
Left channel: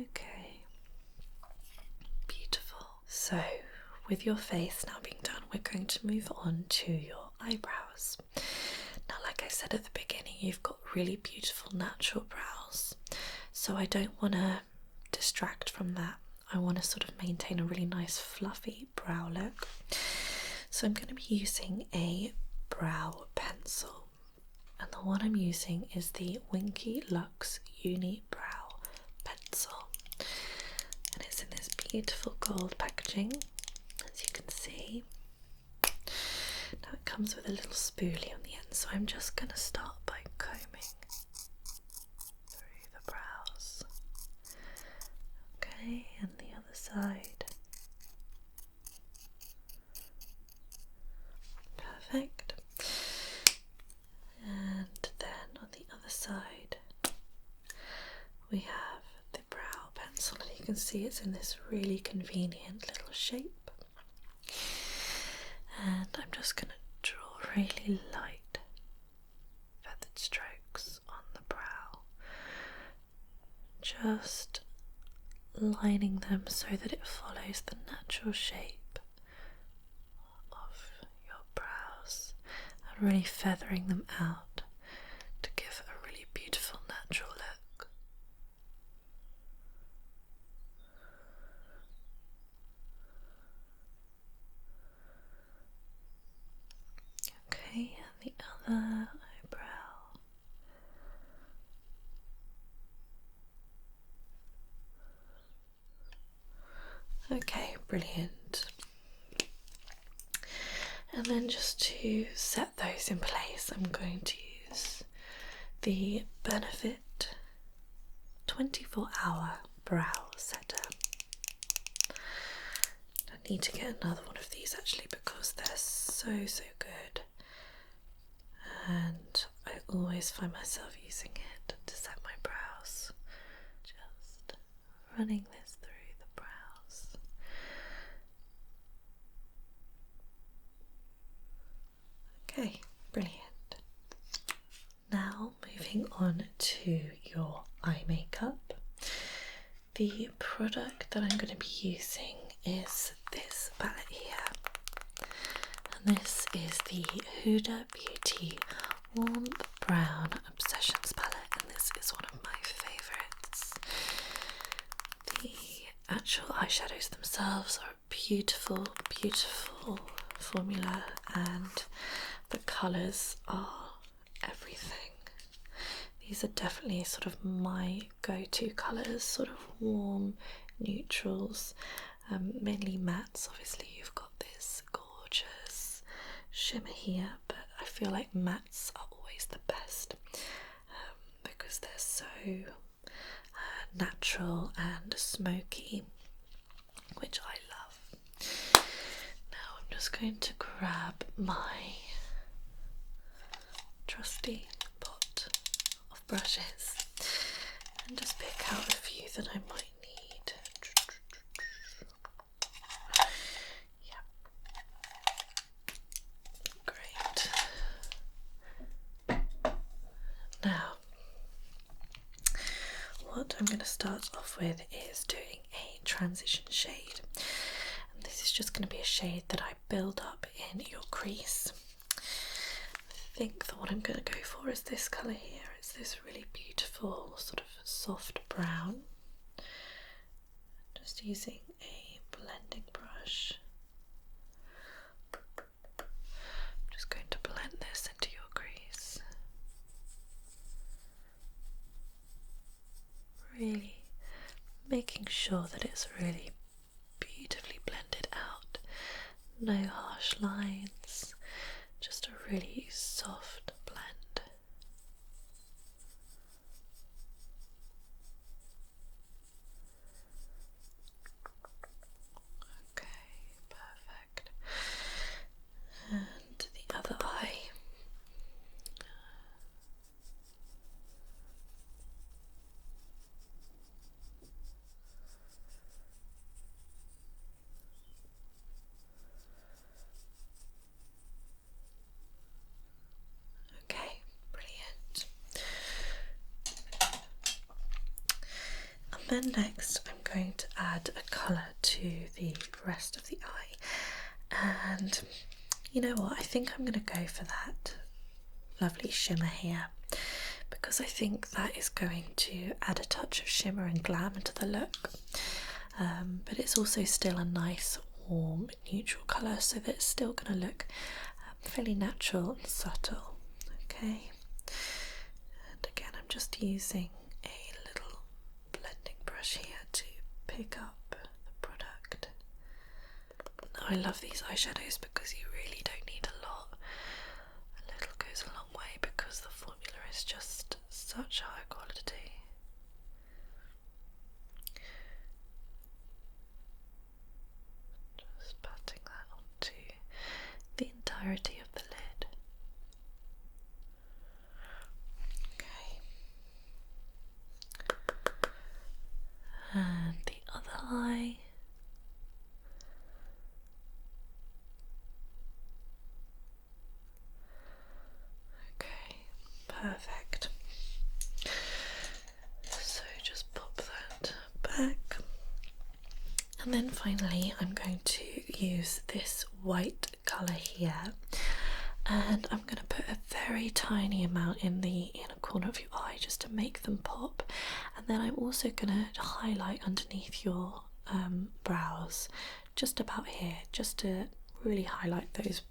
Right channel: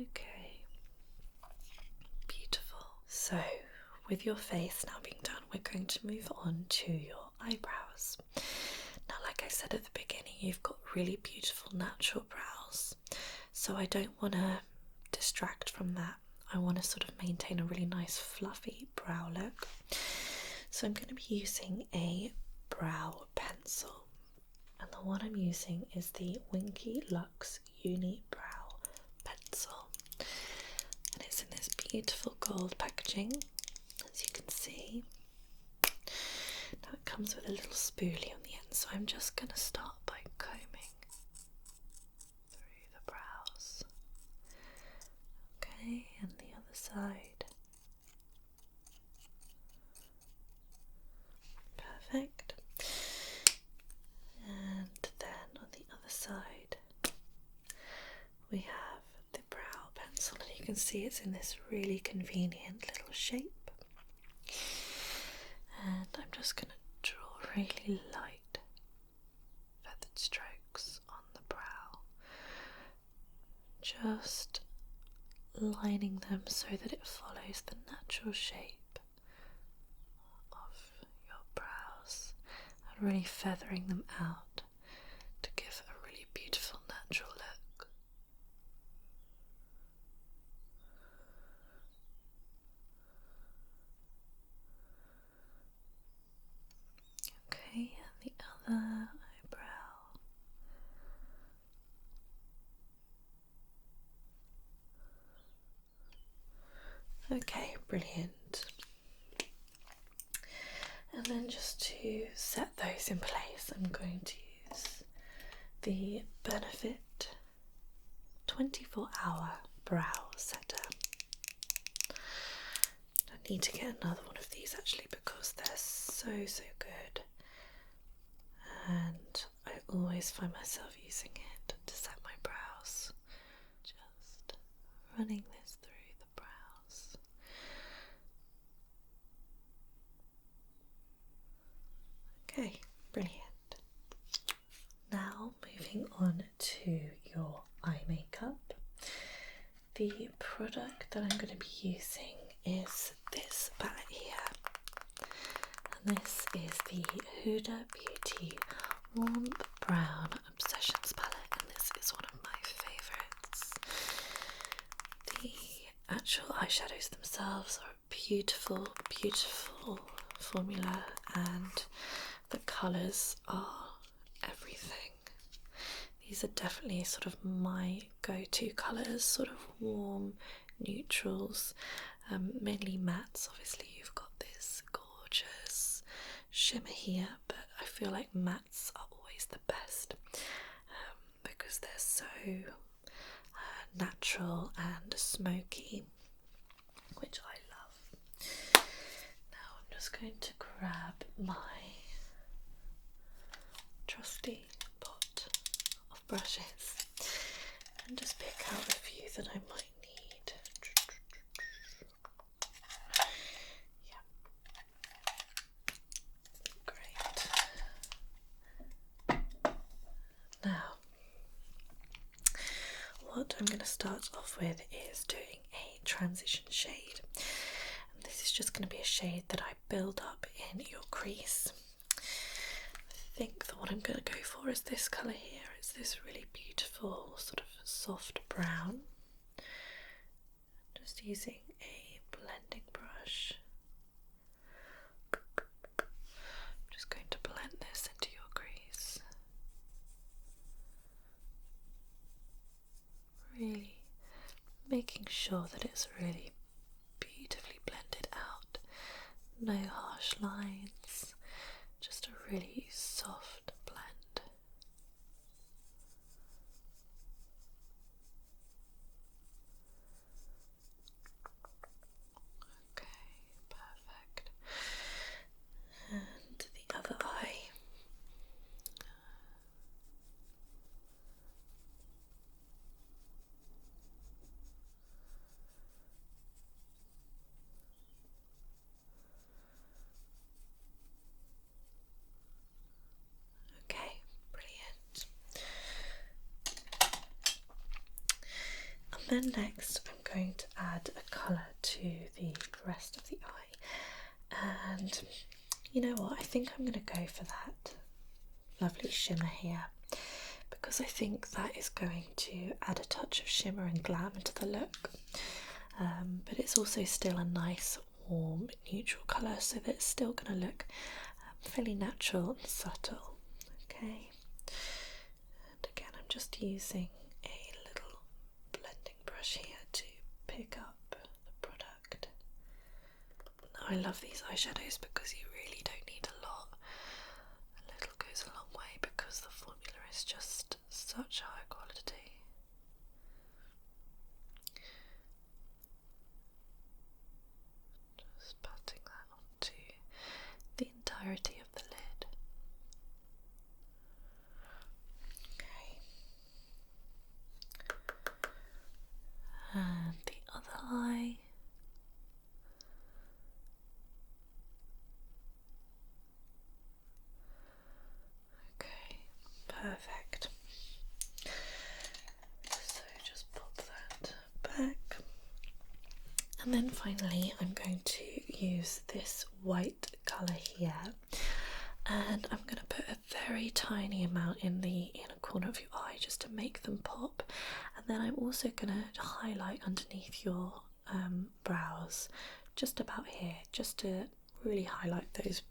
Okay, beautiful. So, with your face now being done, we're going to move on to your eyebrows. Now, like I said at the beginning, you've got really beautiful natural brows, so I don't want to distract from that. I want to sort of maintain a really nice fluffy brow look. So I'm going to be using a brow pencil, and the one I'm using is the Winky Lux Uni Brow Pencil, and it's in this beautiful gold packaging, as you can see. Now it comes with a little spoolie on the end, so I'm just going to start by combing through the brows. Okay, and the other side. Perfect. And then on the other side we have the brow pencil, and you can see it's in this really convenient little shape. And I'm just going to draw really light feathered strokes on the brow, just lining them so that it follows the natural shape of your brows, and really feathering them out to give a really beautiful natural look. Okay, and the other eyebrow. Okay, brilliant. And then just to set those in place, I'm going to use the Benefit 24-hour brow setter. I need to get another one of these actually because they're so good, and I always find myself using it to set my brows. Just running this through the brows. Okay, brilliant. Now moving on to your eye makeup. The product that I'm going to be using is this palette here, and this is the Huda Beauty Warm Brown Obsessions palette, and this is one of my favourites. The actual eyeshadows themselves are beautiful, beautiful formula, and the colours are everything. These are definitely sort of my go-to colours, sort of warm neutrals, mainly mattes. Obviously you've got this gorgeous shimmer here, but I feel like mattes are always the best because they're so natural and smoky, which I love. Now I'm just going to grab my trusty pot of brushes and just pick out a few that I might need. Yeah, great. Now, what I'm going to start off with is doing a transition shade, and this is just going to be a shade that I build up in your crease. I think the one I'm going to go for is this colour here. It's this really beautiful sort of soft brown. Just using a blending brush. I'm just going to blend this into your crease. Really making sure that it's really beautifully blended out. No harsh lines, just a really soft blend. Okay, perfect. And the other eye. Okay, brilliant. And then next I'm going to add a colour to the rest of the eye, and you know what, I think I'm going to go for that lovely shimmer here, because I think that is going to add a touch of shimmer and glam into the look, but it's also still a nice warm neutral colour, so that it's still going to look fairly natural and subtle. Okay, and again I'm just using a little blending brush here to pick up the product. I love these eyeshadows because you really don't need a lot. A little goes a long way because the formula is just such high quality. Just patting that onto the entirety of the lid. Okay. And the other eye. Okay, perfect. So just pop that back. And then finally I'm going to use this white colour here, and I'm going to put a very tiny amount in the inner corner of your eye just to make them pop, and then I'm also going to highlight underneath your brows, just about here, just to really highlight those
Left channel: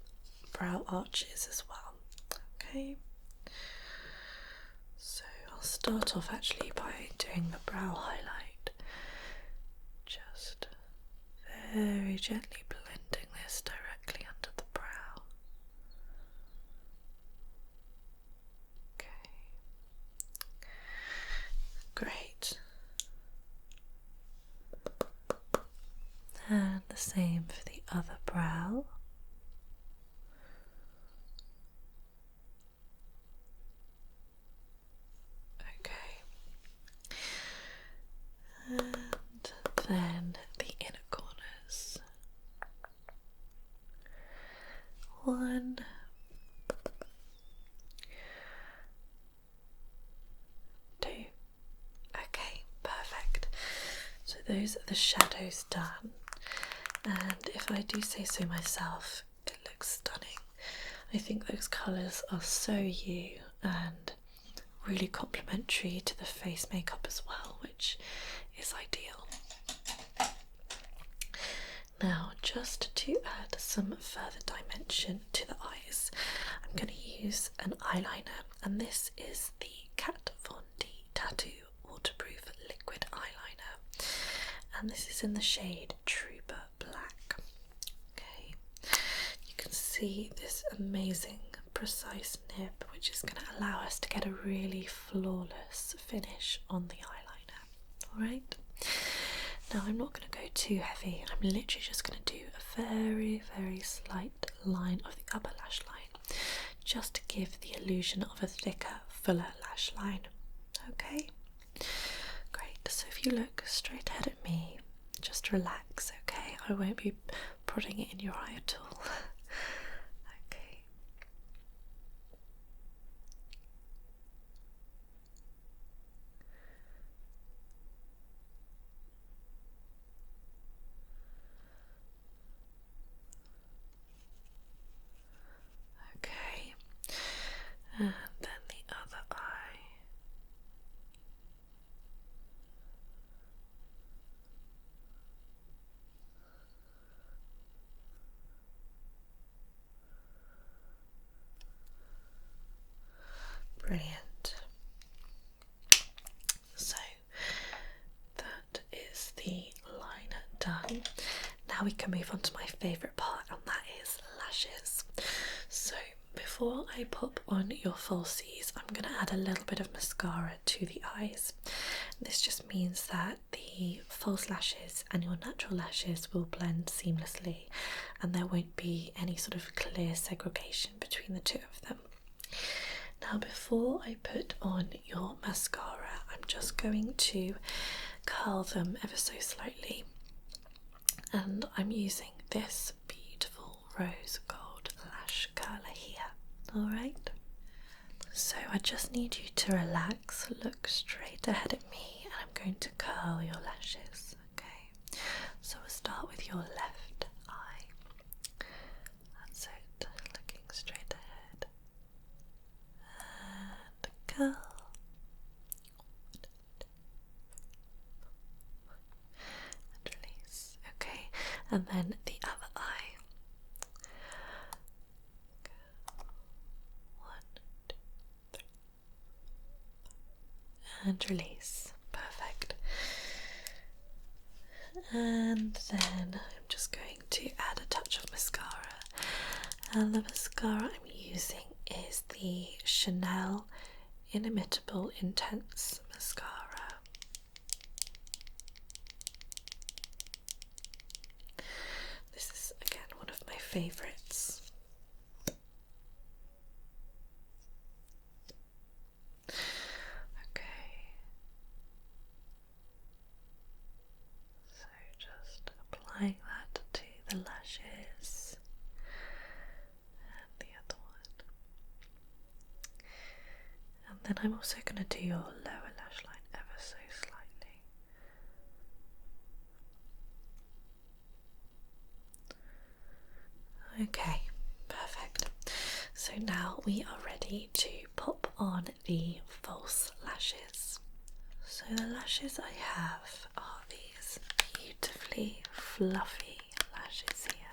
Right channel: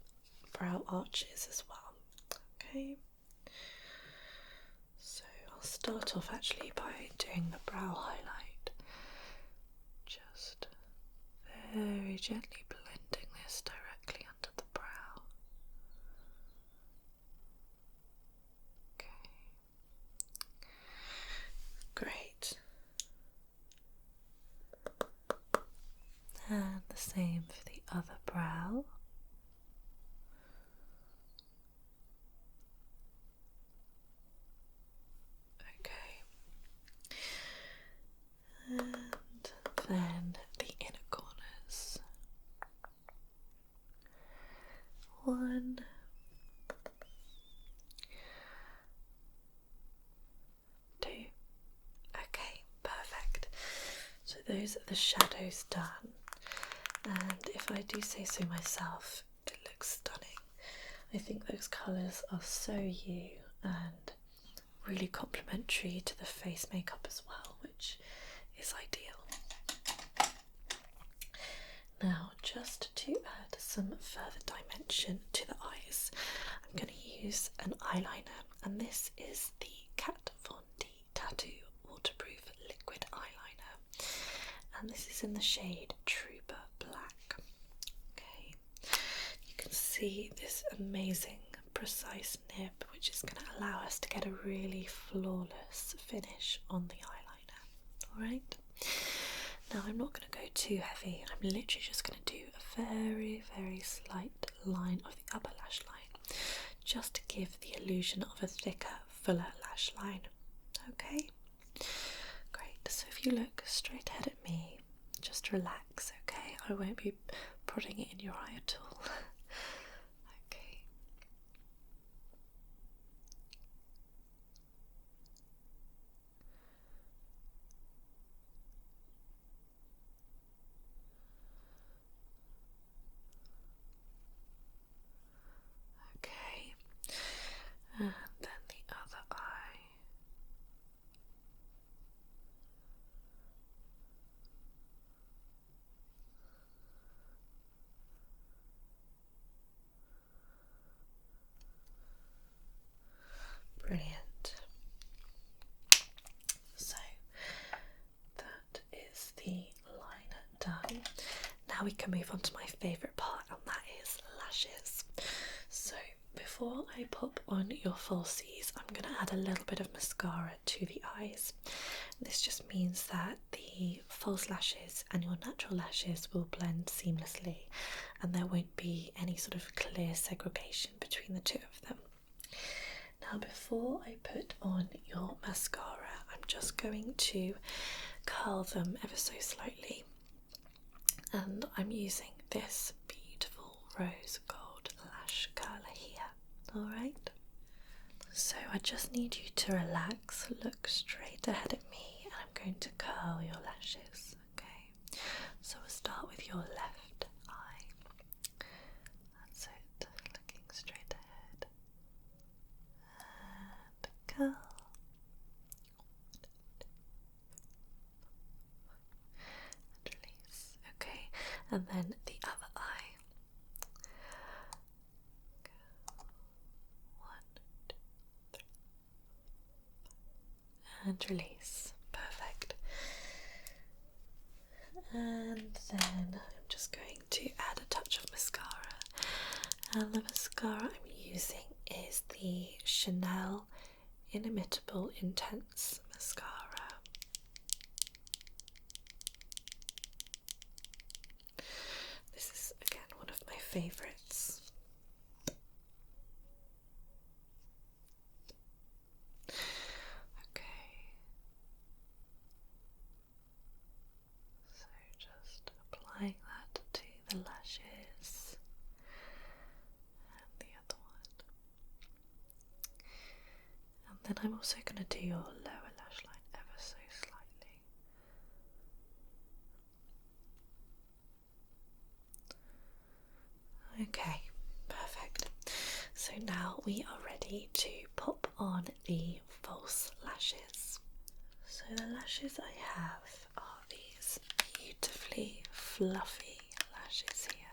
brow arches as well. Okay, so I'll start off actually by doing the brow highlight, just very gently blending this directly under the brow. Okay, great. And the same for the other brow. Okay, and then the inner corners. 1, 2. Okay, perfect. So those are the shadows done, and if I do say so myself, it looks stunning. I think those colours are so you and really complementary to the face makeup as well, which is ideal. Now, just to add some further dimension to the eyes, I'm going to use an eyeliner, and this is the Kat Von D Tattoo Waterproof Liquid Eyeliner, and this is in the shade Trooper Black. Okay, you can see this amazing precise nib, which is going to allow us to get a really flawless finish on the eyeliner. Alright, now I'm not going to go too heavy. I'm literally just going to do a very, very slight line of the upper lash line, just to give the illusion of a thicker, fuller lash line. Okay, great. So if you look straight ahead at me, just relax, okay? I won't be prodding it in your eye at all. Okay. Okay, and then the other eye. Brilliant. So that is the liner done. Now we can move on to my favourite part, and that is lashes. So before I pop on your falsies, I'm going to add a little bit of mascara to the eyes. This just means that the false lashes and your natural lashes will blend seamlessly, and there won't be any sort of clear segregation between the two of them. Now before I put on your mascara, I'm just going to curl them ever so slightly, and I'm using this beautiful rose gold lash curler here. Alright, so I just need you to relax, look straight ahead at me, and I'm going to curl your lashes. Okay, so we'll start with your left eye. That's it, looking straight ahead. And curl. And release. Okay, and then the other eye. One, two, three. And release. Perfect. And then I'm just going to add a touch of mascara. And the mascara I'm using is the Chanel Inimitable Intense Mascara. This is again one of my favourites. Okay, so just applying that to the lashes and the other one. And then I'm also going to do your lower lash line ever so slightly. Okay, perfect. So now we are ready to pop on the false lashes. So the lashes I have are these beautifully fluffy lashes here.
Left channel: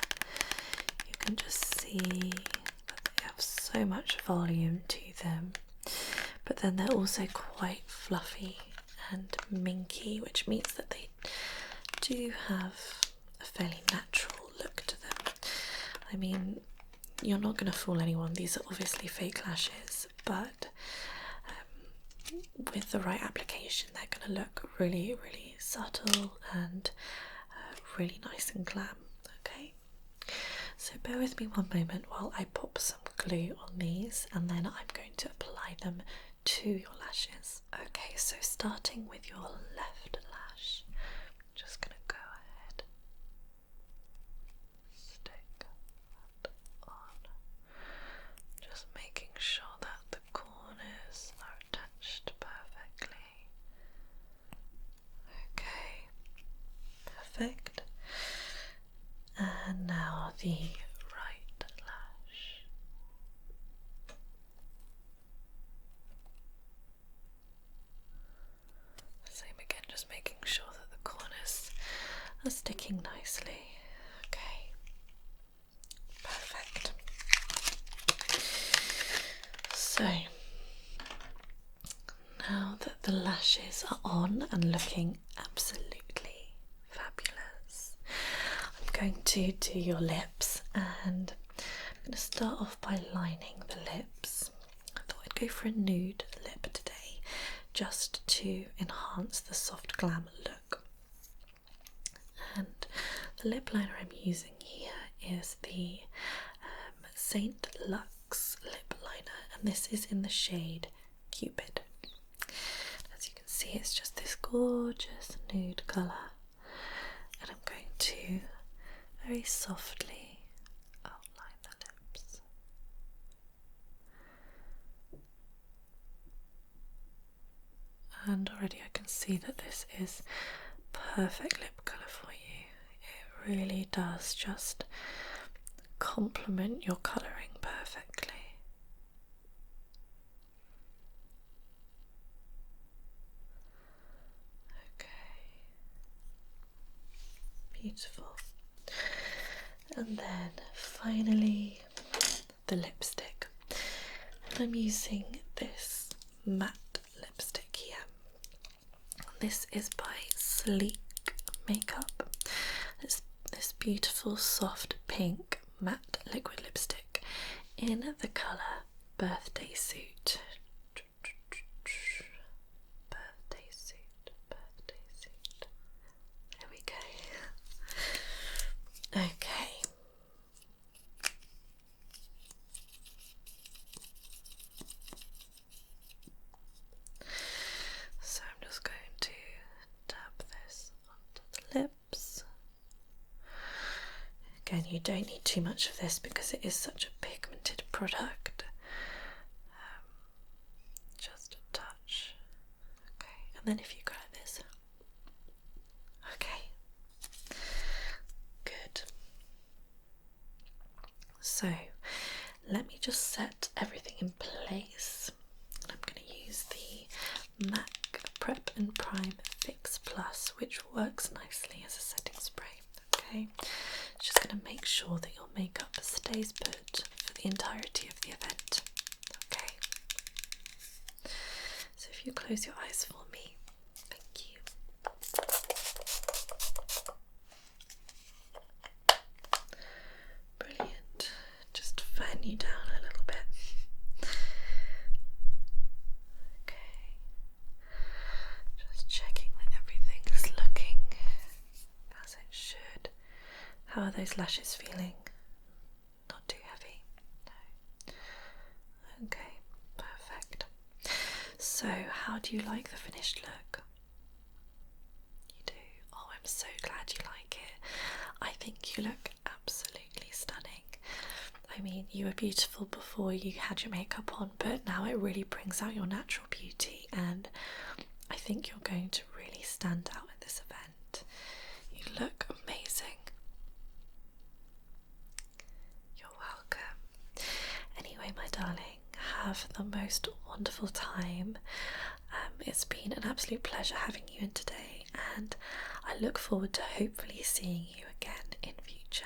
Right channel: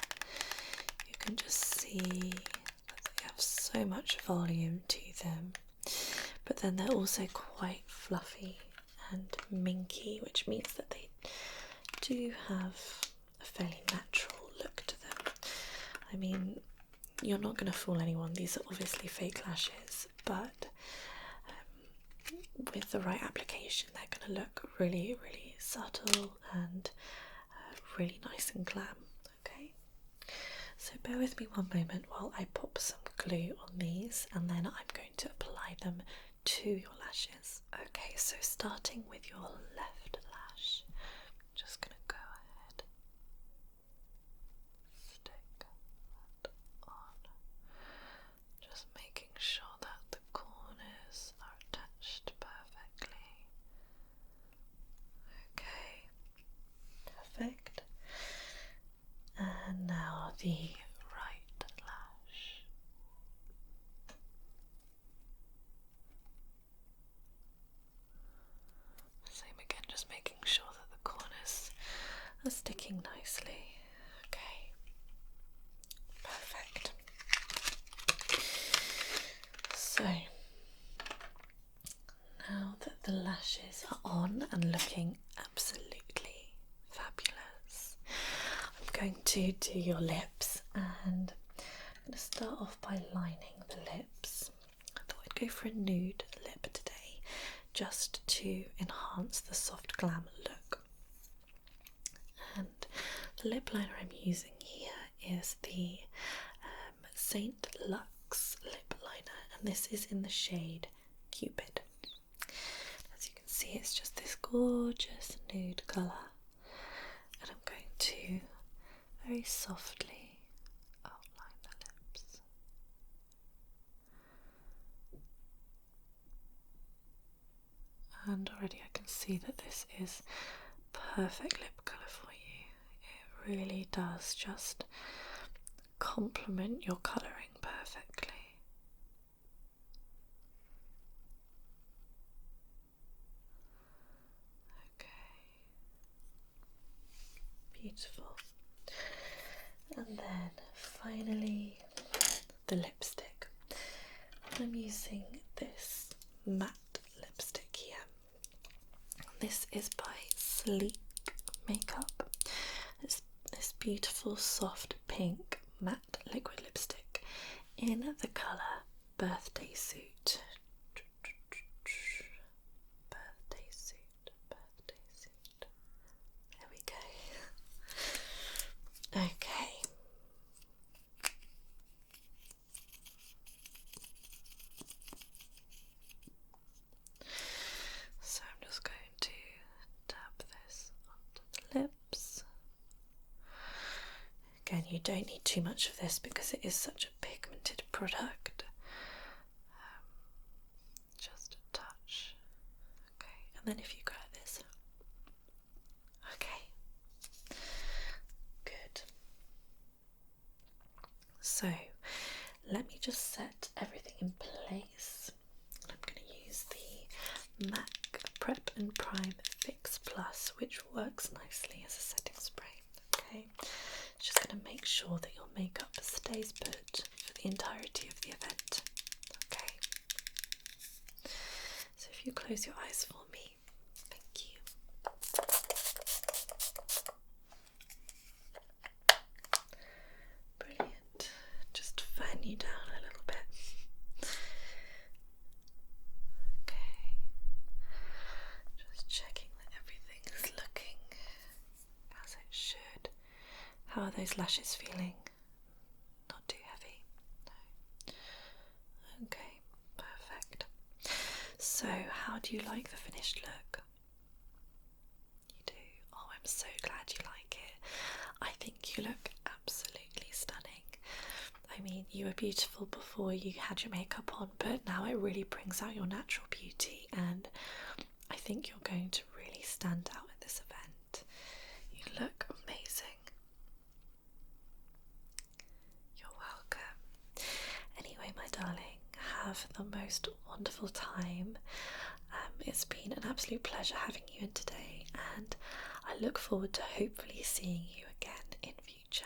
You can just see that they have so much volume to them, but then they're also quite fluffy and minky, which means that they do have a fairly natural look to them. I mean, you're not going to fool anyone, these are obviously fake lashes, but with the right application they're going to look really, really subtle and really nice and glam. Okay, so bear with me one moment while I pop some glue on these, and then I'm going to apply them to your lashes. Okay, so starting with your left lash, I'm just going to go ahead, stick that on, just making sure that the corners are attached perfectly. Okay, perfect. And now the right lash. Same again, just making sure that the corners are sticking nicely. Okay. eyes are on and looking absolutely fabulous. I'm going to do your lips, and I'm going to start off by lining the lips. I thought I'd go for a nude lip today, just to enhance the soft glam look. And the lip liner I'm using here is the Saint Lux lip liner, and this is in the shade Cupid. As you can see, it's just this gorgeous nude colour, and I'm going to very softly outline the lips. And already I can see that this is perfect lip colour for you. It really does just complement your colouring perfectly. Okay, beautiful. And then finally the lipstick. I'm using this matte lipstick here. This is by Sleek Makeup. This beautiful soft pink matte liquid lipstick in the colour Birthday Suit. Birthday Suit, Birthday Suit. There we go. Okay. So I'm just going to dab this onto the lips. Again, you don't need too much of this because it is such a pigmented product. Just a touch. Okay, and then if you go like this. Okay. Good. So, let me just set everything in place. I'm going to use the MAC Prep and Prime Fix Plus, which works nicely as a setting spray. Okay. Just going to make sure that your makeup stays put for the entirety of the event. Okay. So if you close your eyes for me, thank you. Brilliant. Just fan you down a little bit. Okay. Just checking that everything is looking as it should. How are those lashes feeling? Not too heavy? No. Okay, perfect. So, how do you like the finished look? You do? Oh, I'm so glad you like it. I think you look absolutely stunning. I mean, you were beautiful before you had your makeup on, but now it really brings out your natural beauty, and I think you're going to really stand out at this event. You look amazing. Anyway, my darling, have the most wonderful time. It's been an absolute pleasure having you in today, and I look forward to hopefully seeing you again in future.